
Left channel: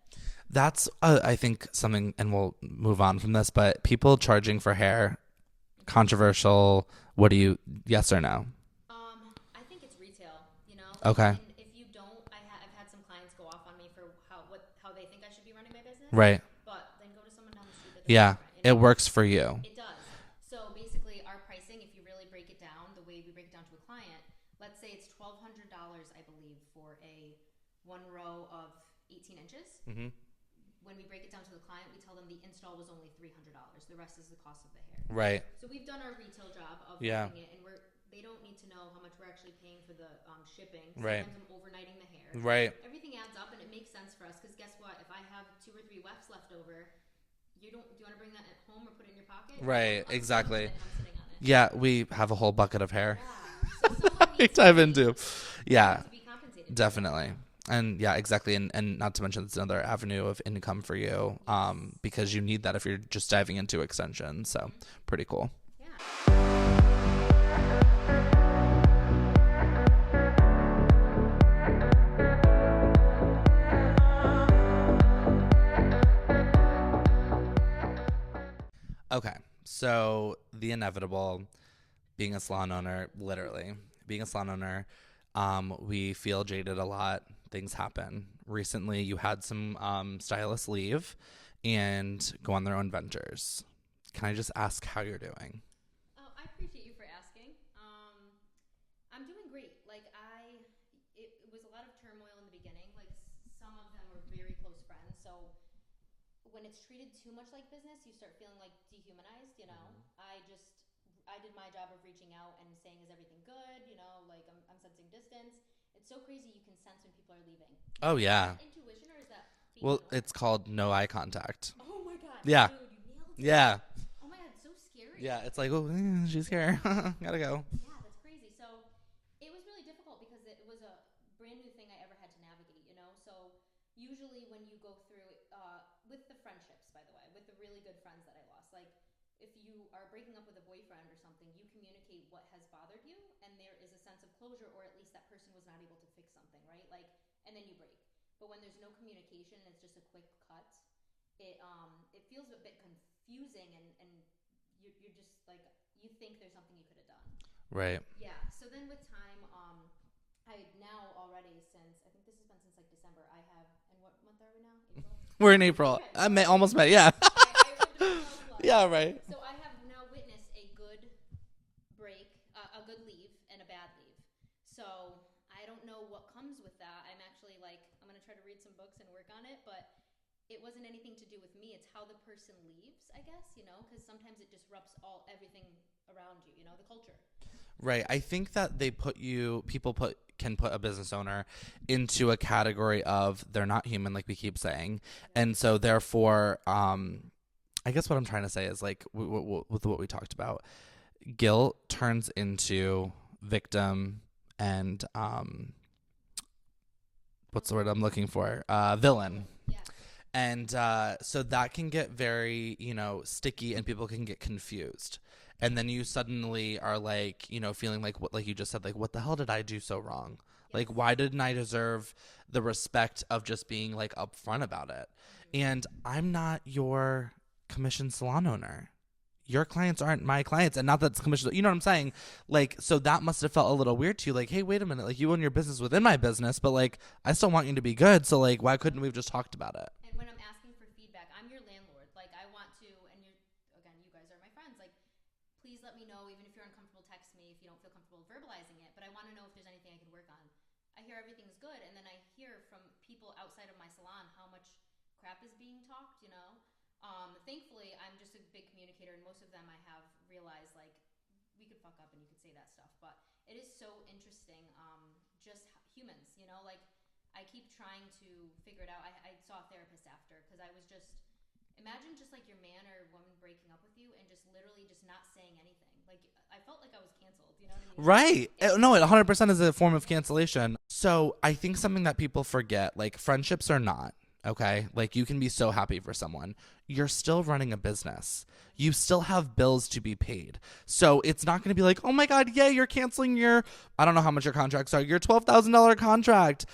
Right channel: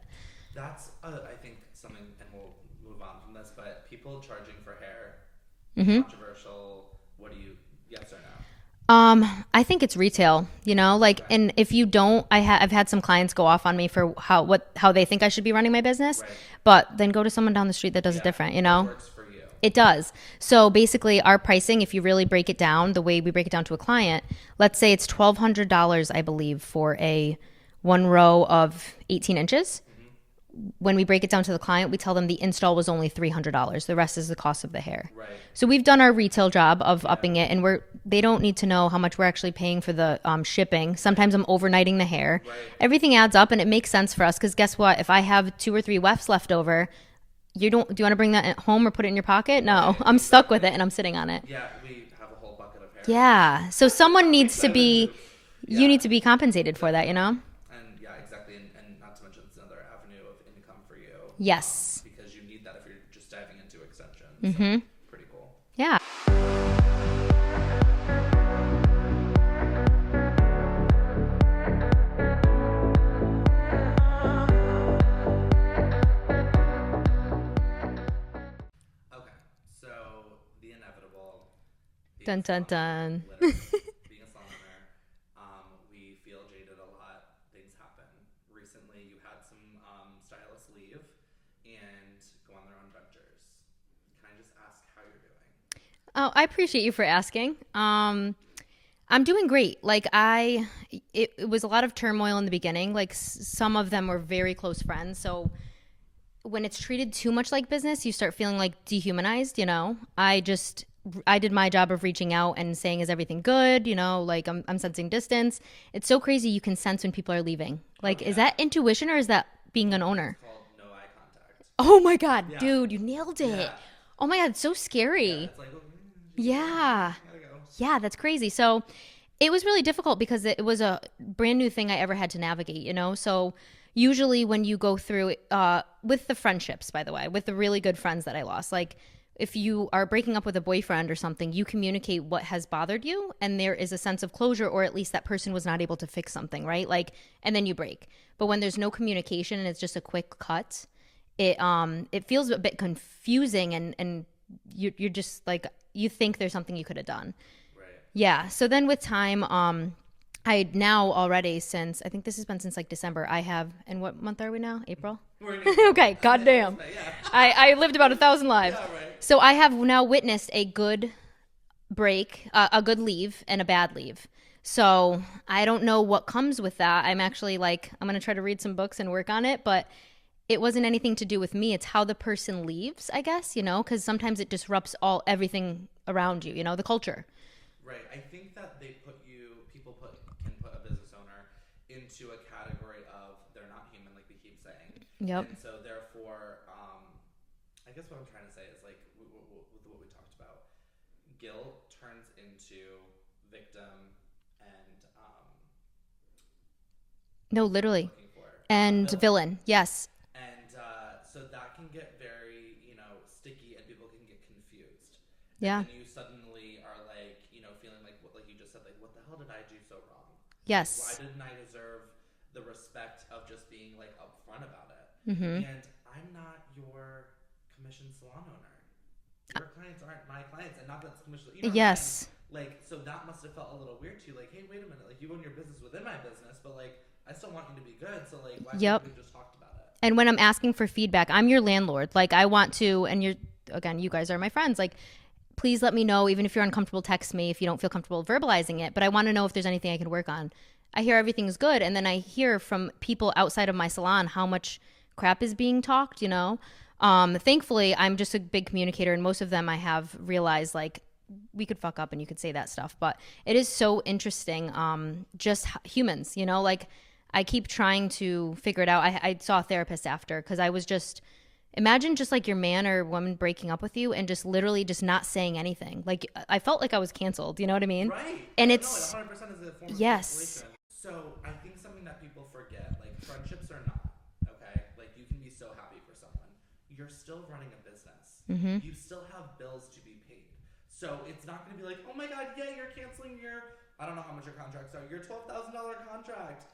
That's, I think, something, and we'll move on from this, but people charging for hair, controversial. What do you, yes or no? I think it's retail, you know, like, and if you don't, I've had some clients go off on me for how they think I should be running my business. Right. But then go to someone down the street that does it different, you know? It works for you. It does. So basically our pricing, if you really break it down, the way we break it down to a client, let's say it's $1,200, I believe, for a 1 row of 18 inches. Mm-hmm. When we break it down to the client, we tell them the install was only $300. The rest is the cost of the hair. Right. So we've done our retail job of upping it, and they don't need to know how much we're actually paying for the shipping. Sometimes I'm overnighting the hair. Right. Everything adds up, and it makes sense for us, because guess what? If I have 2 or 3 wefts left over, do you want to bring that at home or put it in your pocket? No, right, I'm stuck with it, and I'm sitting on it. Yeah, we have a whole bucket of hair. Yeah. So someone needs to be. You need to be compensated for that, you know. And yeah, exactly. And not to mention it's another avenue of income for you. Yes. Because you need that if you're just diving into extensions. So pretty cool. Yeah. Okay. So the inevitable, being a salon owner, literally being a salon owner, we feel jaded a lot. Things happen. Recently, you had some stylists leave and go on their own ventures. Can I just ask how you're doing? Oh, I appreciate you for asking. I'm doing great. Like, it was a lot of turmoil in the beginning. Like, some of them were very close friends. So when it's treated too much like business, you start feeling like dehumanized, you know? I did my job of reaching out and saying, is everything good? You know, like, I'm sensing distance. It's so crazy. You can sense when people are leaving. Like, is that intuition or is that being an owner? It's called no eye contact. Oh my God, dude, you nailed it. Yeah. Oh my God, it's so scary. Yeah, it's like, oh, she's here. Gotta go. Yeah, that's crazy. So it was really difficult because it was a brand new thing I ever had to navigate, you know? So usually when you go through with the friendships, by the way, with the really good friends that I lost, like, if you are breaking up with a boyfriend or something, you communicate what has bothered you, and there is a sense of closure, or at least that person was not able to fix something, right? Like, and then you break. But when there's no communication and it's just a quick cut, it feels a bit confusing, and you're just like, you think there's something you could have done. Right. Yeah. So then with time, I now already since, I think this has been since like December, I have, and what month are we now? April? We're in April. Okay, goddamn. Almost May, yeah. I lived about 1,000 lives. Yeah, right. So I have now witnessed a good break, a good leave, and a bad leave. So I don't know what comes with that. I'm actually like, I'm going to try to read some books and work on it, but it wasn't anything to do with me. It's how the person leaves, I guess, you know, because sometimes it disrupts everything around you, you know, the culture. Right. I think that can put a business owner into a category of they're not human, like we keep saying. Yep. And so therefore, I guess what I'm trying to say is like with what we talked about, guilt turns into victim and what's the word I'm looking for? And villain. Yes. And so that can get very, sticky and people can get confused. And then you suddenly are like, feeling like what, like you just said, like, what the hell did I do so wrong? Yes. Like, why didn't I deserve the respect of just being like upfront about it? Mm-hmm. And I'm not your commission salon owner. Your clients aren't my clients. And not that it's commission, you know what I'm saying? Like, so that must have felt a little weird to you. Like, hey, wait a minute. Like, you own your business within my business, but like, I still want you to be good. So like, why couldn't we have just talked about it? And when I'm asking for feedback, I'm your landlord. Like, I want to, and you guys are my friends. Like, please let me know, even if you're uncomfortable, text me if you don't feel comfortable verbalizing it. But I want to know if there's anything I can work on. I hear everything's good. And then I hear from people outside of my salon how much crap is being talked, you know? Thankfully, I'm just a big communicator. And most of them I have realized, like, we could fuck up and you could say that stuff. But it is so interesting, just humans, you know? Like, I keep trying to figure it out. I saw a therapist after because I was just... Imagine just like your man or woman breaking up with you and just literally just not saying anything. Like I felt like I was canceled. You know what I mean? Right. And no, it 100% is a form of cancellation. So I think something that people forget, like friendships are not, okay? Like you can be so happy for someone. You're still running a business. Mm-hmm. You still have bills to be paid. So it's not going to be like, oh my God, yeah, you're canceling I don't know how much your contracts are, your $12,000 contract.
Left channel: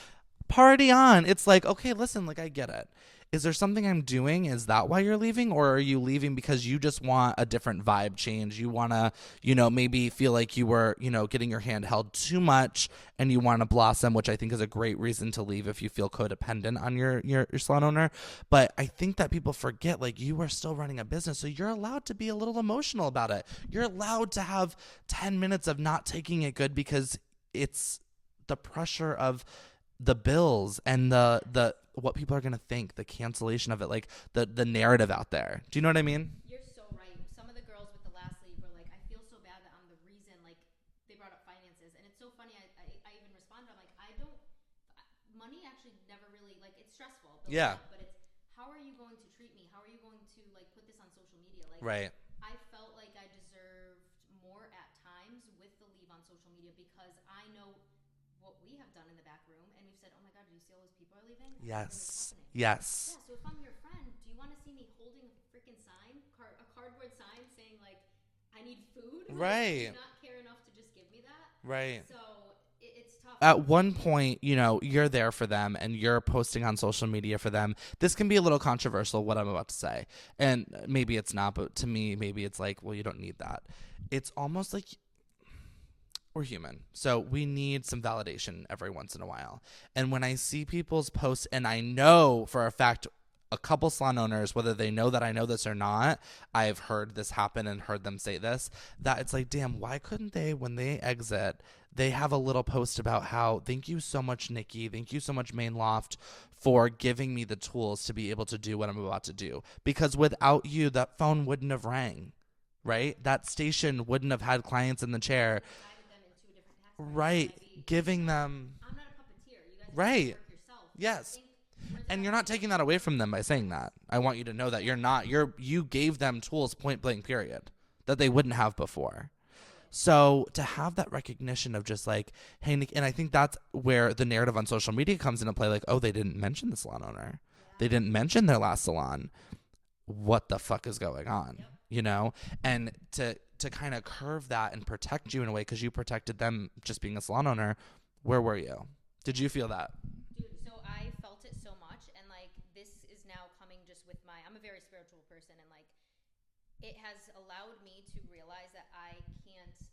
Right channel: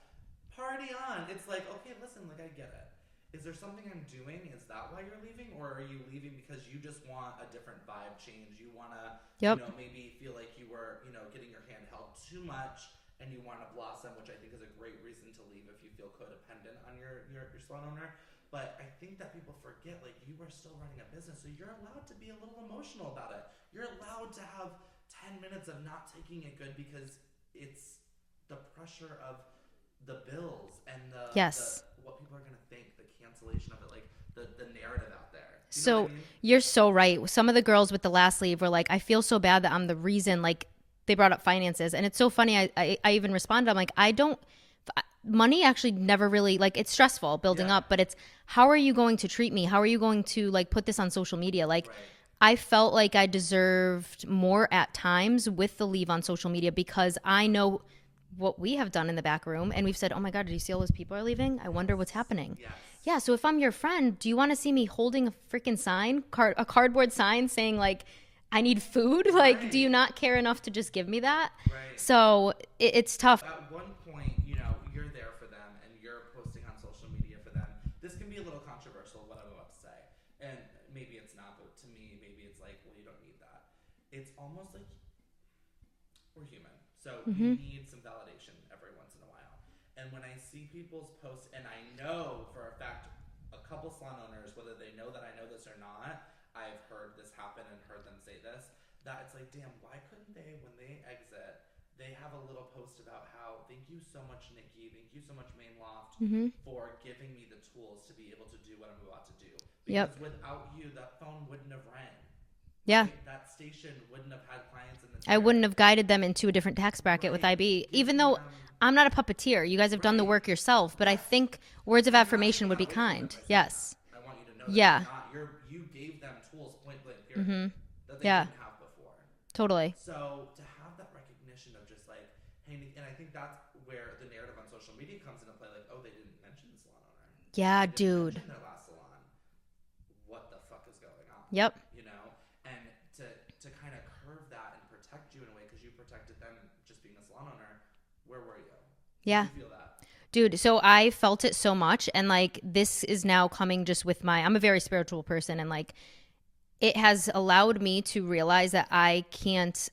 Party on. It's like, okay, listen, like I get it. Is there something I'm doing? Is that why you're leaving? Or are you leaving because you just want a different vibe change? You want to, maybe feel like you were, getting your hand held too much and you want to blossom, which I think is a great reason to leave if you feel codependent on your salon owner. But I think that people forget, like, you are still running a business. So you're allowed to be a little emotional about it. You're allowed to have 10 minutes of not taking it good because it's the pressure of the bills and the what people are going to think, the cancellation of it, like the narrative out there. Do you know what I mean? You're so right. Some of the girls with the last leave were like, I feel so bad that I'm the reason, like they brought up finances. And it's so funny. I even responded. I'm like, money actually never really, like it's stressful building up, but it's how are you going to treat me? How are you going to like put this on social media? Like I felt like I deserved more at times with the leave on social media because I know what we have done in the back room and we've said, oh my God, did you see all those people are leaving? I wonder what's happening. Yes. Yeah. So if I'm your friend, do you want to see me holding a freaking sign, a cardboard sign saying like, I need food? Like, do you not care enough to just give me that? Right. So it's tough. At one point, you're there for them and you're posting on social media for them. This can be a little controversial, what I'm about to say. And maybe it's not, but to me, maybe it's like, well, you don't need that. It's almost like we're human. So we need some validation every once in a while. And when I see people's posts, and I know for a fact, a couple salon owners, whether they know that I know this or not, I've heard this happen and heard them say this, that it's like, damn, why couldn't they, when they exit, they have a little post about how, thank you so much, Nicky, thank you so much, Mane Loft, for giving me the tools to be able to do what I'm about to do. Because without you, that phone wouldn't have rang. Right? Yeah. That station wouldn't have had clients in the chair. I wouldn't have guided them into a different tax bracket with IB. Even though I'm not a puppeteer. You guys have done the work yourself. But I think words of affirmation would be kind. You're not taking that away from them by saying that. I want you to know that you gave them tools, point blank, period, that they wouldn't have before. Totally. So to have that recognition of just like, hey, Nick, and I think that's where the narrative on social media comes into play. Like, oh, they didn't mention the salon owner. Yeah, they didn't mention their last salon. What the fuck is going on? Yep. And to kind of curve that and protect you in a way, because you protected them just being a salon owner. Where were you? Did you feel that? Dude, so I felt it so much. And like, this is now coming just with I'm a very spiritual person. And like, it has allowed me to realize that I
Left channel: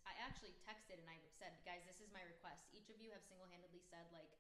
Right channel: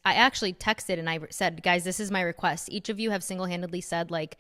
actually texted and I said, guys, this is my request. Each of you have single-handedly said, like,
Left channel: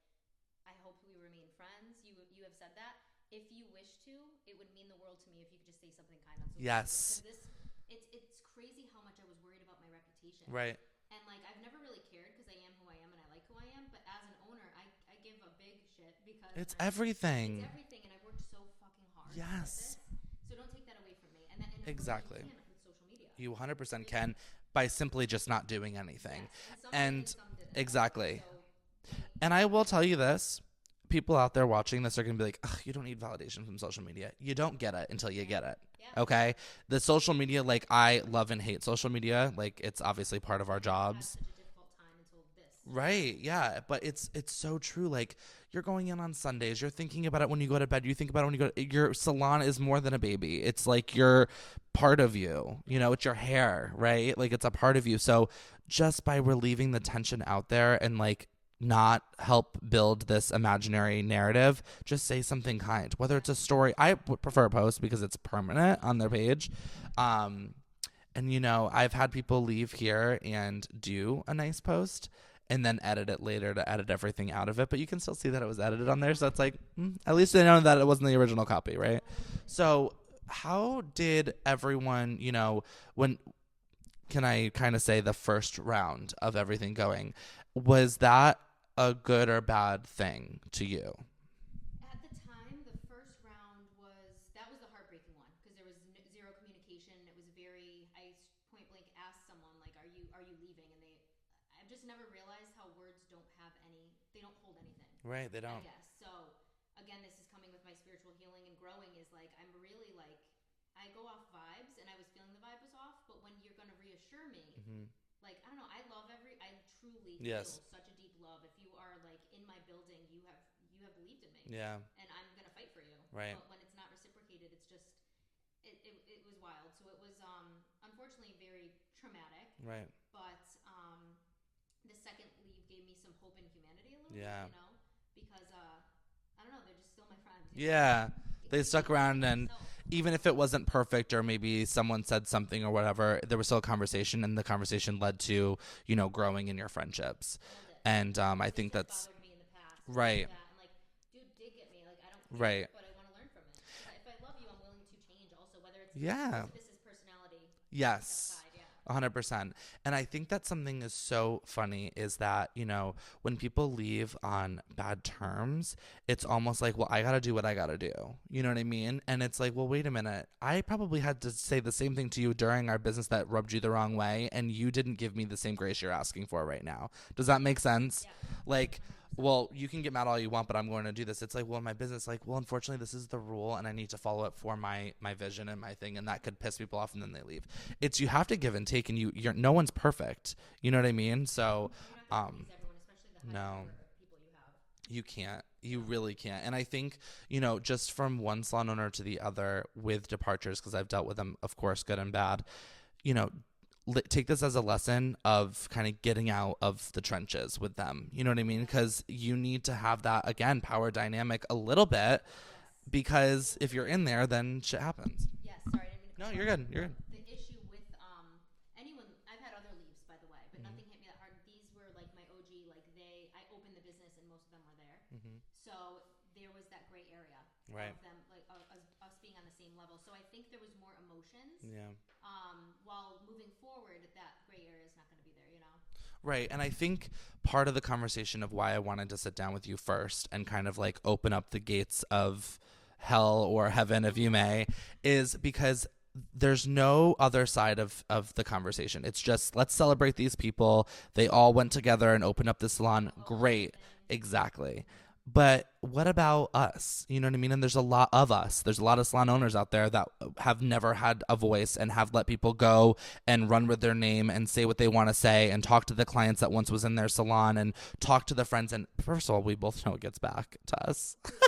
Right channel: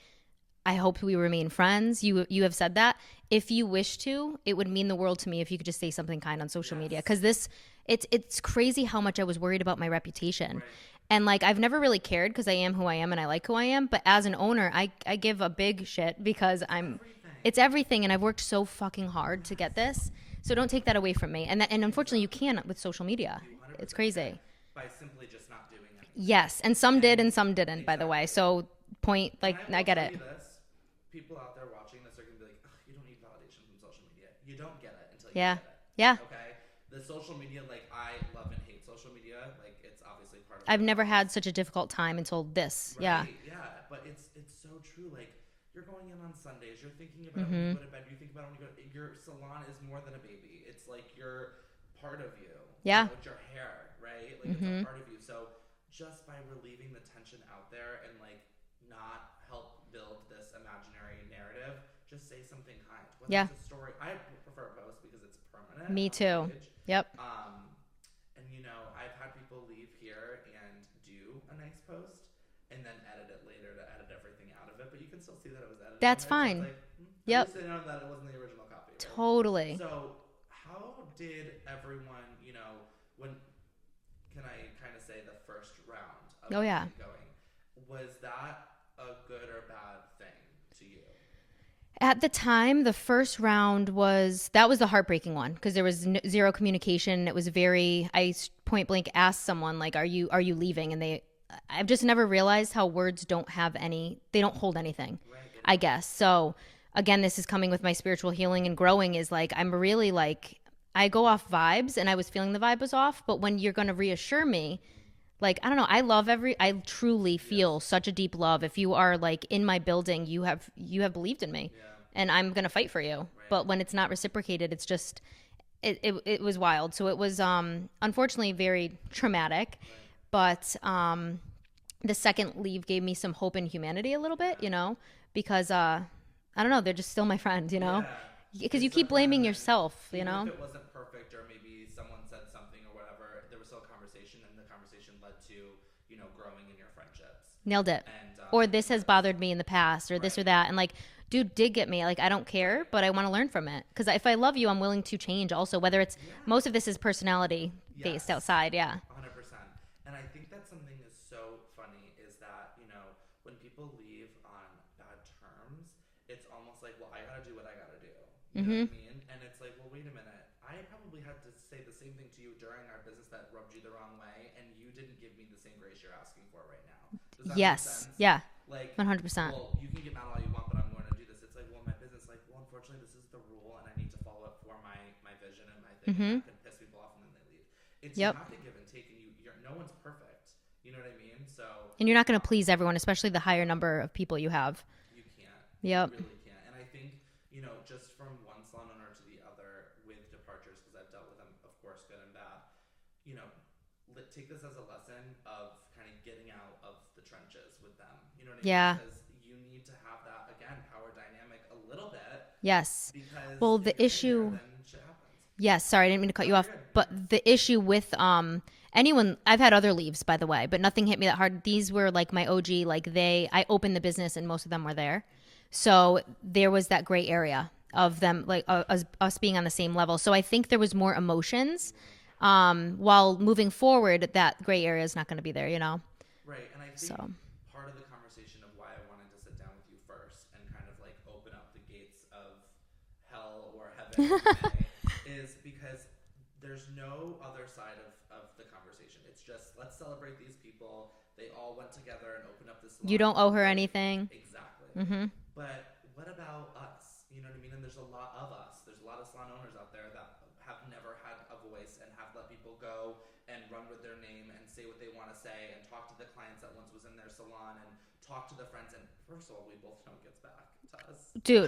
I hope we remain friends. You have said that. If you wish to, it would mean the world to me if you could just say something kind on social media. Because it's crazy how much I was worried about my reputation. Right. And like, I've never really cared because I am who I am and I like who I am. But as an owner, I give a big shit because everything. It's everything. And I've worked so fucking hard to get this. So don't take that away from me. And unfortunately, you can't with social media. You 100% it's crazy. Can by simply just not doing anything. Yes. And some did and some didn't, by the way. So and I will tell you this. People out there watching this are going to be like, ugh, you don't need validation from social media. You don't get it until you get it. Yeah. Okay? The social media, like, I love and hate social media. Like, it's obviously part of our I've never jobs. had such a difficult time until this. Right. Yeah. But it's so true. Like, you're going in on Sundays. You're thinking about it when you go to bed. You think about it when you go to, your salon is more than a baby. It's like you're part of you. Yeah. You know, it's your hair, right? Like, it's a part of you. So just by relieving the tension out there and, like, not help build this imaginary narrative, just say something kind, whether it's a story. I would prefer a post because it's permanent on the page. Yep. And you know, I've had people leave here and do a nice post and then edit it later to edit everything out of it, but you can still see that it was edited on there. Fine. So it's like, at least they know that it wasn't the original copy, right? Totally. So how did everyone, you know, can I kind of say the first round of everything going, was that a good or bad thing to you? At the time, the first round was the heartbreaking one because there was zero communication. It was I point blank asked someone, like, are you leaving? And I've just never realized how words don't hold anything. Right. I guess. So again, this is coming with my spiritual healing and growing is like, I'm really like, I go off vibes and I was feeling the vibe was off. But when you're going to reassure me, like, I don't know, I truly feel such a deep love. If you are like in my building, you have believed in me and I'm going to fight for you. Right. But when it's not reciprocated, it's just, it was wild. So it was, unfortunately very traumatic, but, the second leave gave me some hope in humanity a little bit, you know, because, I don't know, they're just still my friend, you know? Yeah. Because you keep blaming yourself. Even if it wasn't perfect or maybe someone said something or whatever, there was still a conversation and the conversation led to, you know, growing in your friendships. Nailed it. And or this has bothered me in the past or this or that. And like, dude did get me. Like, I don't care, but I want to learn from it. Because if I love you, I'm willing to change also, whether it's most of this is personality based outside. Yeah. 100%. And I think that something is so funny is that, you know, when people leave on bad terms, it's almost like, well, I got to do what I got to do. You know what I mean? And it's like, well, wait a minute. I probably had to say the same thing to you during our business that rubbed you the wrong way. And you didn't give me the same grace you're asking for right now. Does that make sense? Yeah. Like, 100%. Well, you can get mad all you want, but I'm going to do this. It's like, well, my business, like, well, unfortunately, this is the rule and I need to follow it for my vision and my thing. And that could piss people off and then they leave. It's, you have to give and take, and you're no one's perfect. You know what I mean? So, and you're not going to please everyone, especially the higher number of people you have. You can't. You really can't. And I think, you know, just from one salon owner to the other with departures, because I've dealt with them, of course, good and bad, you know, take this as a lesson of kind of getting out of the trenches with them. You know what I mean? Because you need to have that, again, power dynamic a little bit. Yes. Because if you're in there, then shit happens. Yes. Sorry, I didn't mean to cut you off. You're but good. The issue with anyone, I've had other leaves, by the way, but nothing hit me that hard. These were like my OG, like I opened the business and most of them were there. So there was that gray area of them, like us being on the same level. So I think there was more emotions. While moving forward, that gray area is not going to be there, you know? Right. And I think part of the conversation of why I wanted to sit down with you first and kind of like open up the gates of hell or heaven, if you may, is because there's no other side of the conversation. It's just, let's celebrate these people. They all went together and opened up this salon. You don't owe her anything. Exactly. But what about us? You know what I mean? And there's a lot of us. There's a lot of salon owners out there that have never had a voice and have let people go and run with their name and say what they want to say and talk to the clients that once was in their salon and talk to the friends. And first of all, we both know it gets back to us. Dude,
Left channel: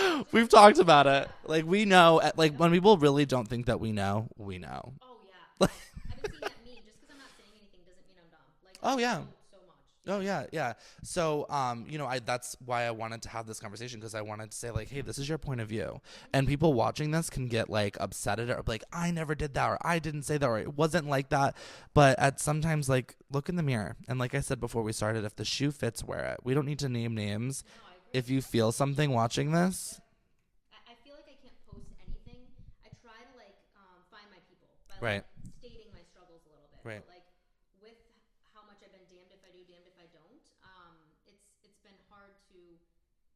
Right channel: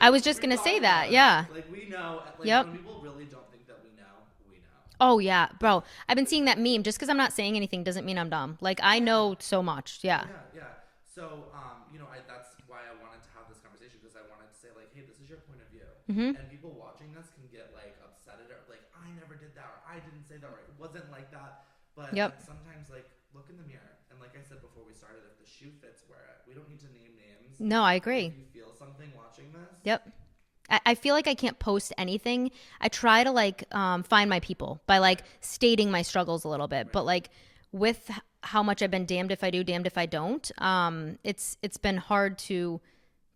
I was just We've gonna talked say about that. it. Yeah. Like we know, like Yep. when people really don't think that we know, we know. Oh yeah, bro. I've been seeing that meme. Just because I'm not saying anything doesn't mean I'm dumb. Like I know so much. Yeah. Oh, yeah. So, you know, that's why I wanted to have this conversation, because I wanted to say like, hey, this is your point of view, and people watching this can get like upset at it, or like, I never did that, or I didn't say that, or it wasn't like that. But at sometimes, like, look in the mirror, and like I said before we started, if the shoe fits, wear it. We don't need to name names. No, I agree. If you feel something watching this, Yep. I feel like I can't post anything. I try to like find my people by like stating my struggles a little bit, but like with how much I've been damned if I do, damned if I don't. It's been hard to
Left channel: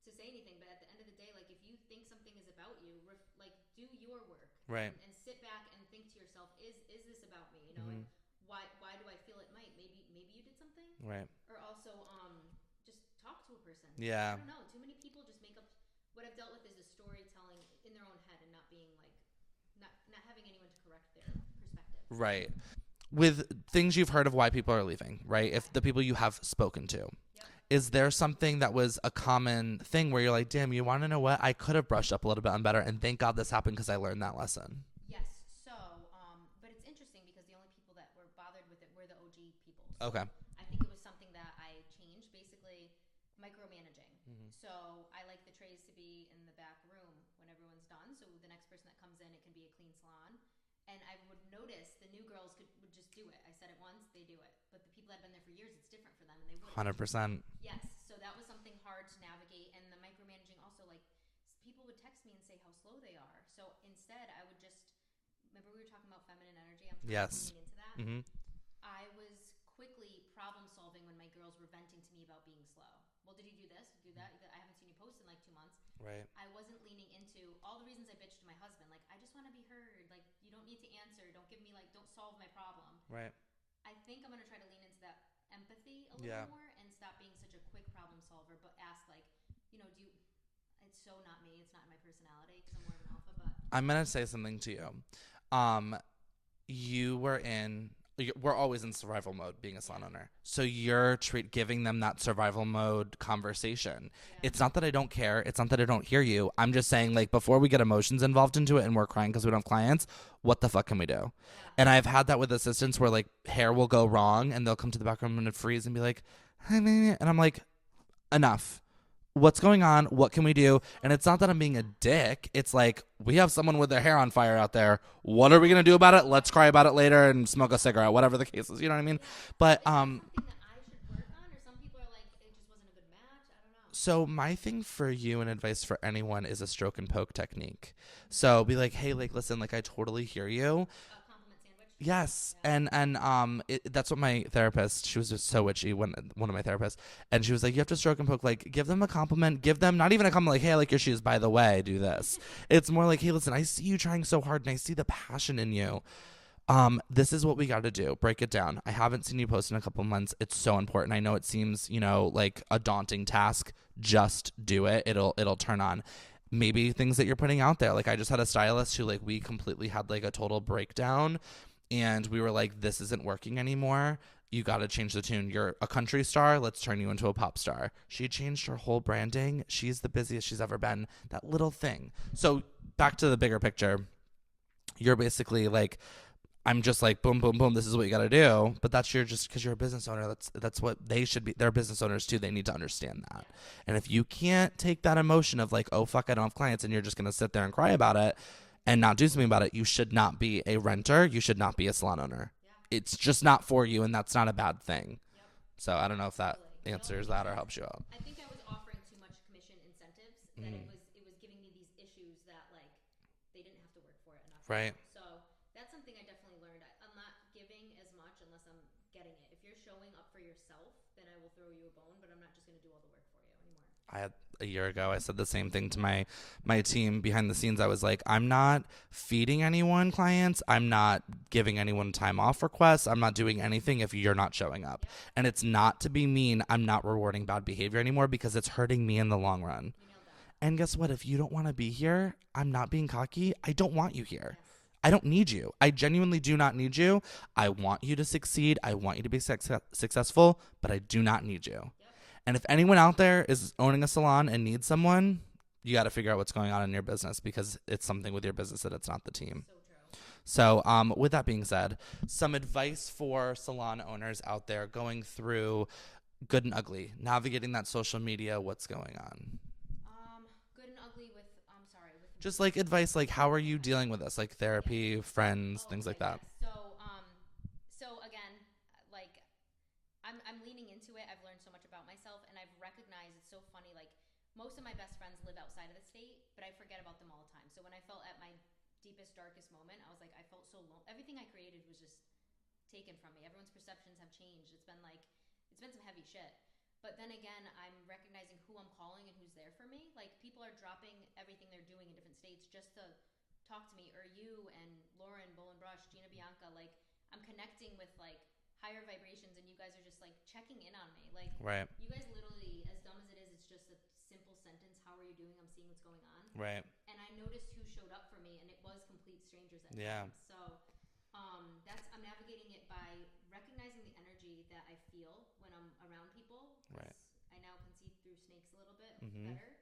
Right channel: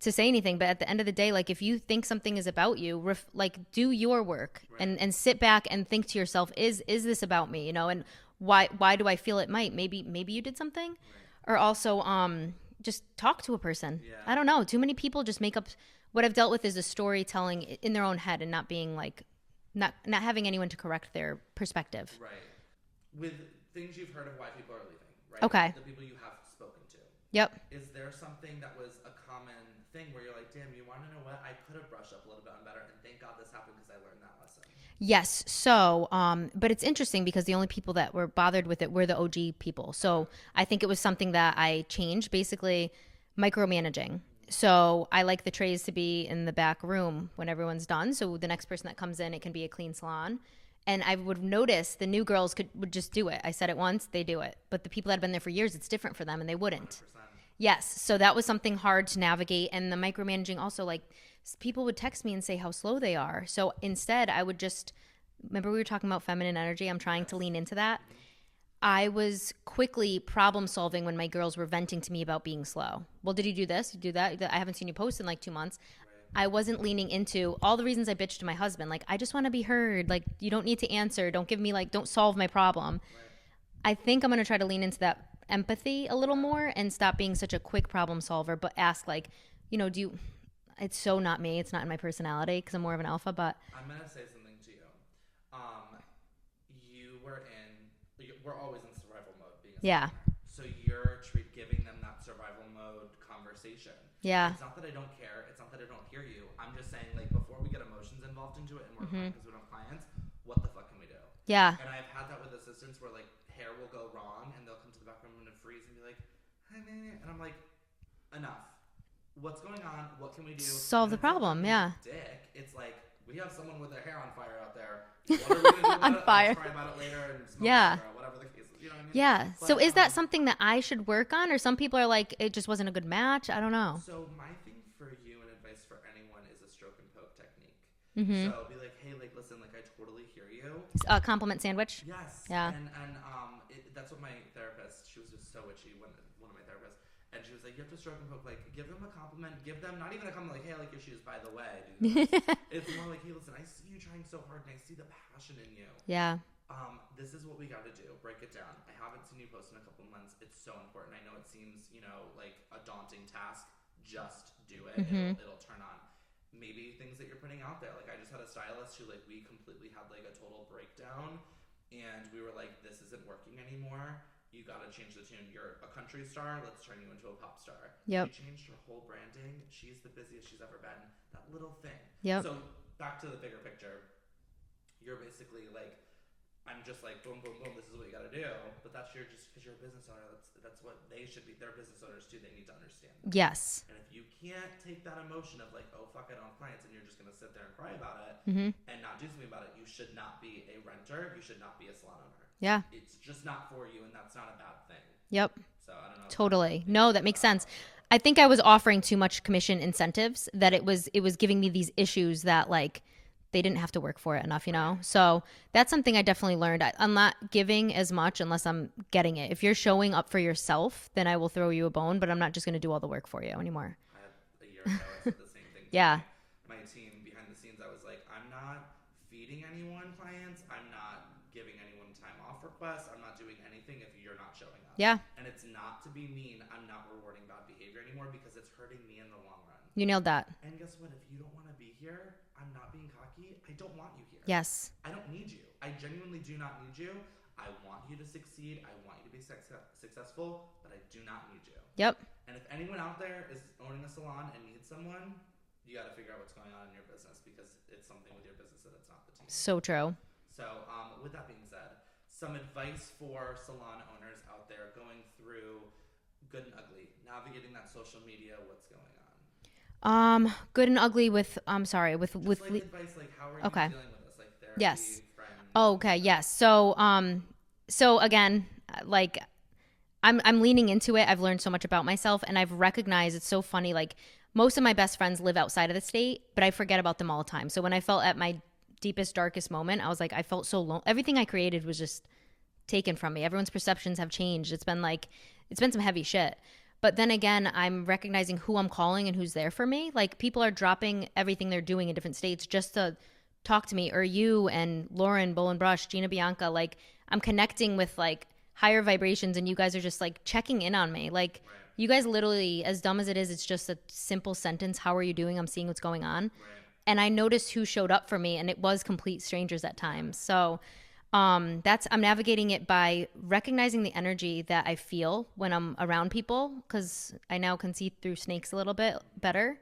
say anything, but at the end of the day, like if you think something is about you, like do your work and sit back and think to yourself, is this about me? You know, and why do I feel it might? Maybe you did something, or also just talk to a person. Yeah, I don't know. Too many people just make up. What I've dealt with is a storytelling in their own head and not being like, not having anyone to correct their perspective. Right. With things you've heard of why people are leaving, right? Okay. If the people you have spoken to. Yep. Is there something that was a common thing where you're like, damn, you want to know what? I could have brushed up a little bit on better, and thank God this happened because I learned that lesson. Yes. So, but it's interesting because the only people that were bothered with it were the OG people. So I think it was something that I changed, basically micromanaging. So I like the trays to be in the back room when everyone's done. So the next person that comes in, it can be a clean salon. And I would notice the new girls would just do it. I said it once, they do it. But the people that have been there for years, it's different for them and they wouldn't. 100%. Yes. So that was something hard to navigate. And the micromanaging also, like people would text me and say how slow they are. So instead I would just, remember we were talking about feminine energy? I'm trying to lean into that. Mm-hmm. I was quickly problem solving when my girls were venting to me about being slow. Well, did you do this? You do that? I haven't seen you post in like 2 months. Right. I wasn't leaning into all the reasons I bitched to my husband. Like, I just want to be heard. Like, you don't need to answer. Don't give me like, don't solve my problem. Right. I think I'm going to try to lean into that empathy a little more and stop being such a quick problem solver, but ask like, you know, it's so not me. It's not in my personality because I'm more of an alpha, but. I'm going to say something to you. We're always in survival mode being a salon owner. So you're giving them that survival mode conversation. Yeah. It's not that I don't care. It's not that I don't hear you. I'm just saying, like, before we get emotions involved into it and we're crying because we don't have clients, what the fuck can we do? Yeah. And I've had that with assistants where, like, hair will go wrong and they'll come to the back room and freeze and be like, and I'm like, enough. What's going on? What can we do? And it's not that I'm being a dick. It's like, we have someone with their hair on fire out there. What are we going to do about it? Let's cry about it later and smoke a cigarette, whatever the case is. You know what I mean? Yeah. But, so is that something that I should work on? Or some people are like, it just wasn't a good match? I don't know. So my thing for you and advice for anyone is a stroke and poke technique. Mm-hmm. So be like, hey, like, listen, like, I totally hear you. A compliment sandwich. Yes. Yeah. And that's what my therapist, she was just so witchy, one of my therapists, and she was like, you have to stroke and poke, like, give them a compliment, give them not even a compliment, like, hey, I like your shoes, by the way, do this. It's more like, hey, listen, I see you trying so hard and I see the passion in you. Yeah. This is what we got to do. Break it down. I haven't seen you post in a couple months. It's so important. I know it seems, you know, like a daunting task. Just do it. Mm-hmm. It'll turn on. Maybe things that you're putting out there. Like, I just had a stylist who, like, we completely had like a total breakdown and we were like, this isn't working anymore. You got to change the tune. You're a country star. Let's turn you into a pop star. Yep. She changed her whole branding. She's the busiest she's ever been. That little thing. Yep. So back to the bigger picture. You're basically like, I'm just like, boom, boom, boom. This is what you got to do. But that's just because you're a business owner. That's what they should be. They're business owners too. They need to understand that. Yes. And if you can't take that emotion of like, oh, fuck, I don't have clients, and you're just going to sit there and cry about it and not do something about it, you should not be a renter. You should not be a salon owner. Yeah. It's just not for you. And that's not a bad thing. Yep. So I don't know. Totally. No, that makes sense. I think I was offering too much commission incentives that it was giving me these issues that like, they didn't have to work for it enough, you know? So that's something I definitely learned. I'm not giving as much unless I'm getting it. If you're showing up for yourself, then I will throw you a bone, but I'm not just going to do all the work for you anymore. A year ago, I said the same thing to my team behind the scenes. I was like, I'm not feeding anyone clients. I'm not giving anyone time off requests. I'm not doing anything if you're not showing up. Yeah. And it's not to be mean. I'm not rewarding bad behavior anymore because it's hurting me in the long run. You nailed that. And guess what? If you don't want to be here, I'm not being cocky. I don't want you here. Yes. I don't need you. I genuinely do not need you. I want you to succeed. I want you to be successful, but I do not need you. Yep. And if anyone out there is owning a salon and needs someone, you got to figure out what's going on in your business because it's something with your business that it's not the team. So true. So with that being said, some advice for salon owners out there going through good and ugly, navigating that social media, what's going on? Good and ugly with just like advice, like how are you dealing with this? Like therapy, friends. Oh, okay. Like yes. So again, like I'm leaning into it. I've learned so much about myself and I've recognized it's so funny. Like most of my best friends live outside of the state, but I forget about them all the time. So when I felt at my deepest, darkest moment, I was like, I felt so alone. Everything I created was just taken from me. Everyone's perceptions have changed. It's been some heavy shit. But then again, I'm recognizing who I'm calling and who's there for me. Like people are dropping everything they're doing in different states just to talk to me, or you and Lauren, Bowl and Brush, Gina Bianca. Like I'm connecting with like higher vibrations and you guys are just like checking in on me. Like you guys literally, as dumb as it is, it's just a simple sentence. How are you doing? I'm seeing what's going on. Right. And I noticed who showed up for me and it was complete strangers at times. So I'm navigating it by recognizing the energy that I feel when I'm around people, because I now can see through snakes a little bit better,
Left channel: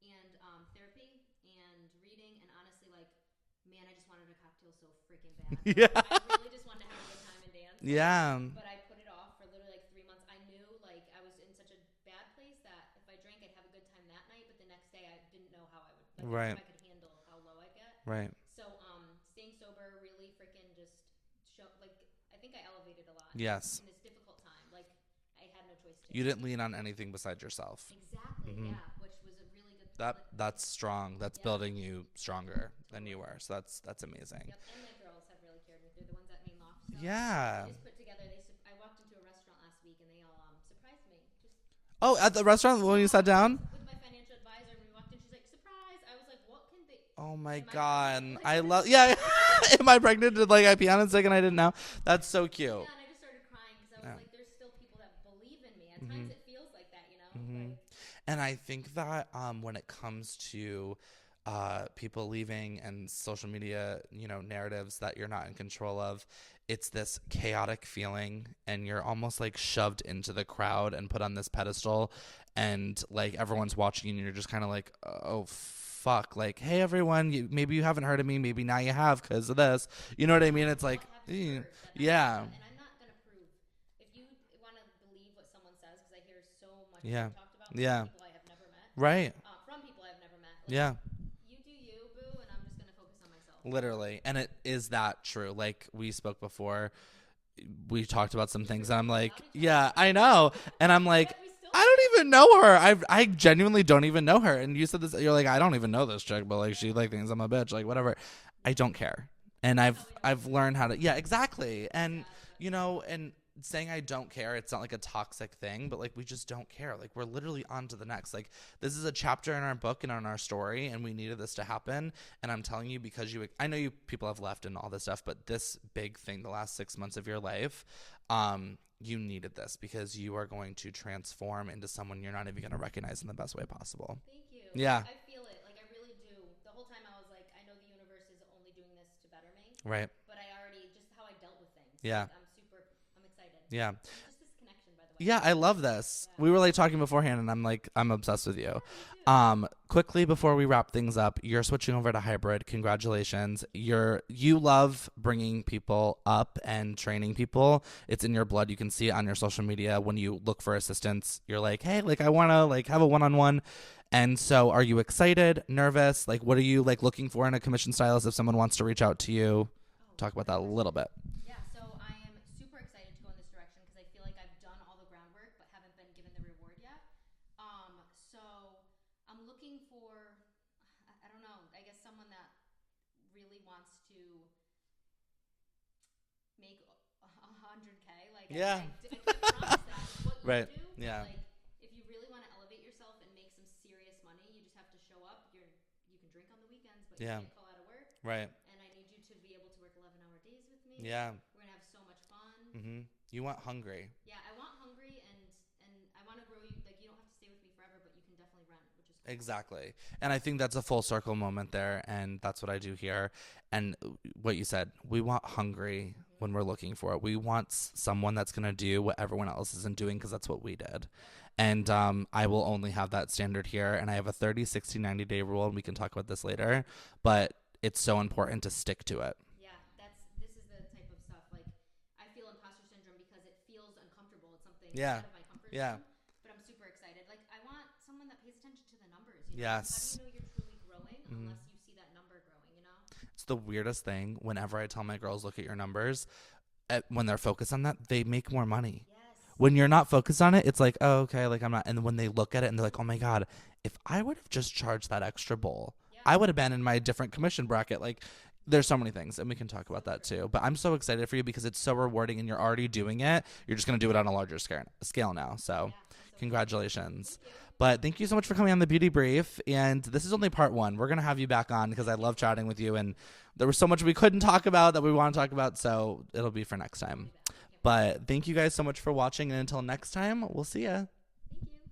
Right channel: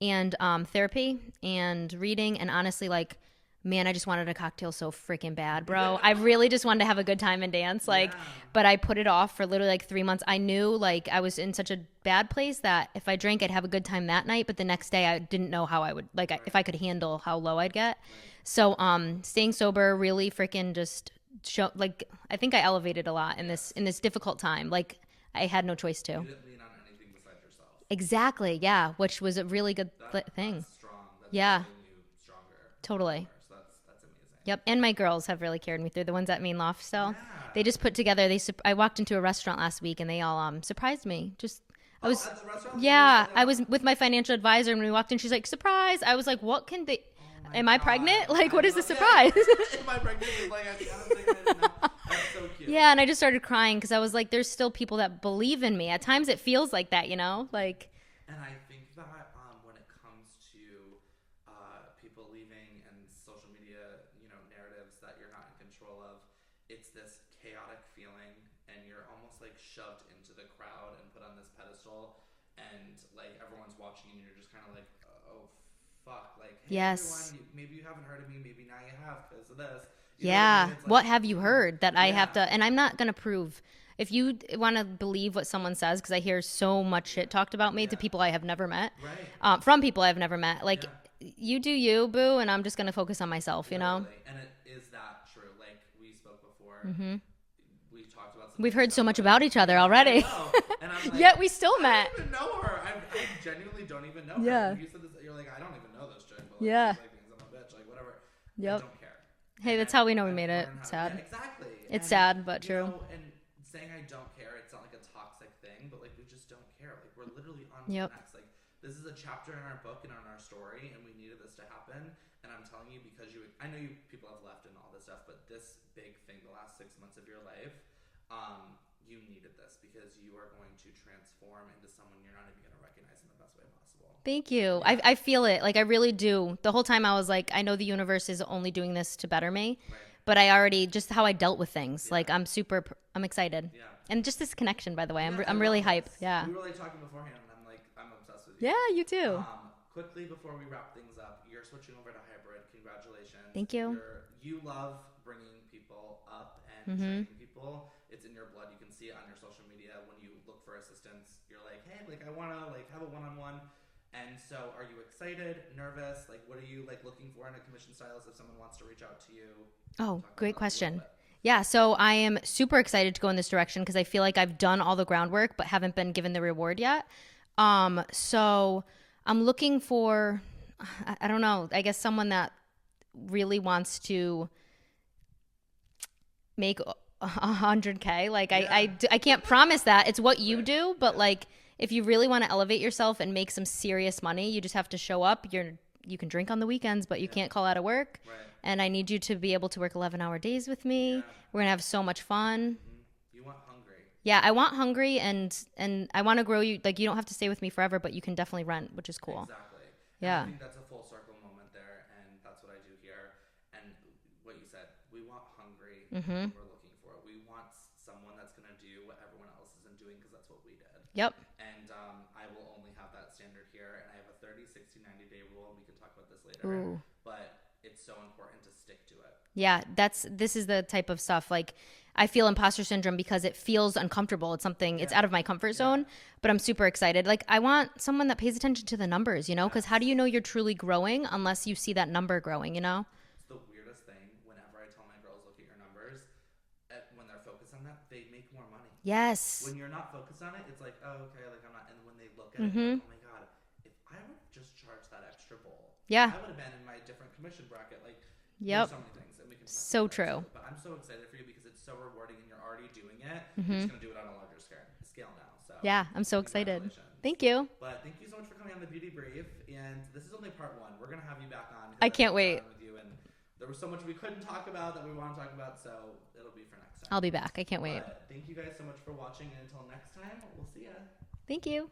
and therapy and reading, and honestly, like, man, I just wanted a cocktail so freaking bad, bro. I really just wanted to have a good time and dance, like, but I put it off for literally like 3 months. I knew like I was in such a bad place that if I drank, I'd have a good time that night, but the next day I didn't know how I would, like, if I could handle how low I'd get. So staying sober really freaking just like, I think I elevated a lot in this difficult time. Like I had no choice to. You didn't lean on anything besides yourself. Exactly. Yeah. Which was a really good thing. That's strong. That's building you stronger. Totally. So that's amazing. Yep. And my girls have really carried me through. The ones at Mane Loft. So they just put together, I walked into a restaurant last week and they all surprised me. At the restaurant when you sat down? I was with my financial advisor and when we walked in, she's like, surprise. I was like, what can they, am I pregnant? Like, what is the surprise? Yeah. Am I pregnant? Did like I pee on a second? I didn't know. That's so cute. Yeah. And I just started crying because I was like, there's still people that believe in me. At times it feels like that, you know, like. And I think that when it comes to people leaving and social media, narratives that you're not in control of, it's this chaotic feeling and you're almost like shoved into the crowd and put on this pedestal and like everyone's watching you and you're just kind of like, oh fuck, like, hey everyone, maybe you haven't heard of me, maybe now you have because of this, you know what I mean? It's like, what have you heard that I have to, and I'm not gonna prove. If you want to believe what someone says, because I hear so much shit talked about me to people I have never met, from people I've never met, like you do you, boo, and I'm just gonna focus on myself. Literally. You know, and it is that true. Like we spoke before, we talked about some. We've things heard so much about each other already. I know, and I'm like, yet we still. I don't even know her. I genuinely don't even know her. And you said this. You're like, I don't even know this chick, but like she like thinks I'm a bitch, like whatever. I don't care. Hey, and that's how we know we made it. I've learned how to. Yeah, exactly. It's sad, but true. You know, and saying I don't care, it's not like a toxic thing, but like we just don't care. Like we're literally on to the next. Like this is a chapter in our book and on our story, and we needed this to happen. And I'm telling you, because I know you people have left and all this stuff, but this big thing, the last 6 months of your life, you needed this because you are going to transform into someone you're not even going to recognize in the best way possible. Thank you. Yeah. I feel it. Like I really do. The whole time I was like, I know the universe is only doing this to better me. Right. But I already, just how I dealt with things. Yeah. Like I'm excited. Yeah. And just this connection, by the way. Yeah, I'm really hyped. Yeah. We were like talking beforehand and I'm like, I'm obsessed with you. Yeah, you too. Quickly before we wrap things up, you're switching over to hybrid. Congratulations. Thank you. You love bringing people up and training people. It's in your blood. You can see it on your social media. When you look for assistance, you're like, hey, like I want to like have a one-on-one. And so are you excited, nervous? Like what are you like looking for in a commission stylist if someone wants to reach out to you? Oh, talk about great that question. A little bit. Yeah, so I am super excited to go in this direction because I feel like I've done all the groundwork but haven't been given the reward yet. So I'm looking for, I don't know, I guess someone that really wants to make 100K. Like I can't promise that. It's what you do, but like if you really want to elevate yourself and make some serious money, you just have to show up. You can drink on the weekends, but you can't call out of work. Right. And I need you to be able to work 11-hour days with me. Yeah. We're going to have so much fun. You want hungry. Yeah, I want hungry, and I want to grow you. Like, you don't have to stay with me forever, but you can definitely rent, which is cool. Exactly. And I think that's a full circle moment there, and that's what I do here. And what you said, we want hungry when we're looking for it. We want someone that's going to do what everyone else isn't doing, because that's what we did. Yep. And I will only have that standard here. And I have a 30, 60, 90-day rule, and we can talk about this later. Ooh. But it's so important to stick to it. Yeah, this is the type of stuff, like, I feel imposter syndrome because it feels uncomfortable. It's something, it's out of my comfort zone, but I'm super excited. Like, I want someone that pays attention to the numbers, you know, because how do you know you're truly growing unless you see that number growing, you know? It's the weirdest thing. Whenever I tell my girls, look at your numbers, when they're focused on that, they make more money. Yes. When you're not focused on it, it's like, oh, okay, like I'm not. And when they look at it and they're like, oh my God, if I would have just charged that extra bowl, I would have been in my different commission bracket. Like, there's so many things, and we can talk about that too. But I'm so excited for you because it's so rewarding, and you're already doing it. You're just going to do it on a larger scale now. So yeah, I'm so excited. Congratulations. Thank you. But thank you so much for coming on the Beauty Brief. And this is only part 1. We're going to have you back on because I love chatting with you. And there was so much we couldn't talk about that we want to talk about. So it'll be for next time. I'll be back. I can't wait. But thank you guys so much for watching. And until next time, we'll see ya. Thank you.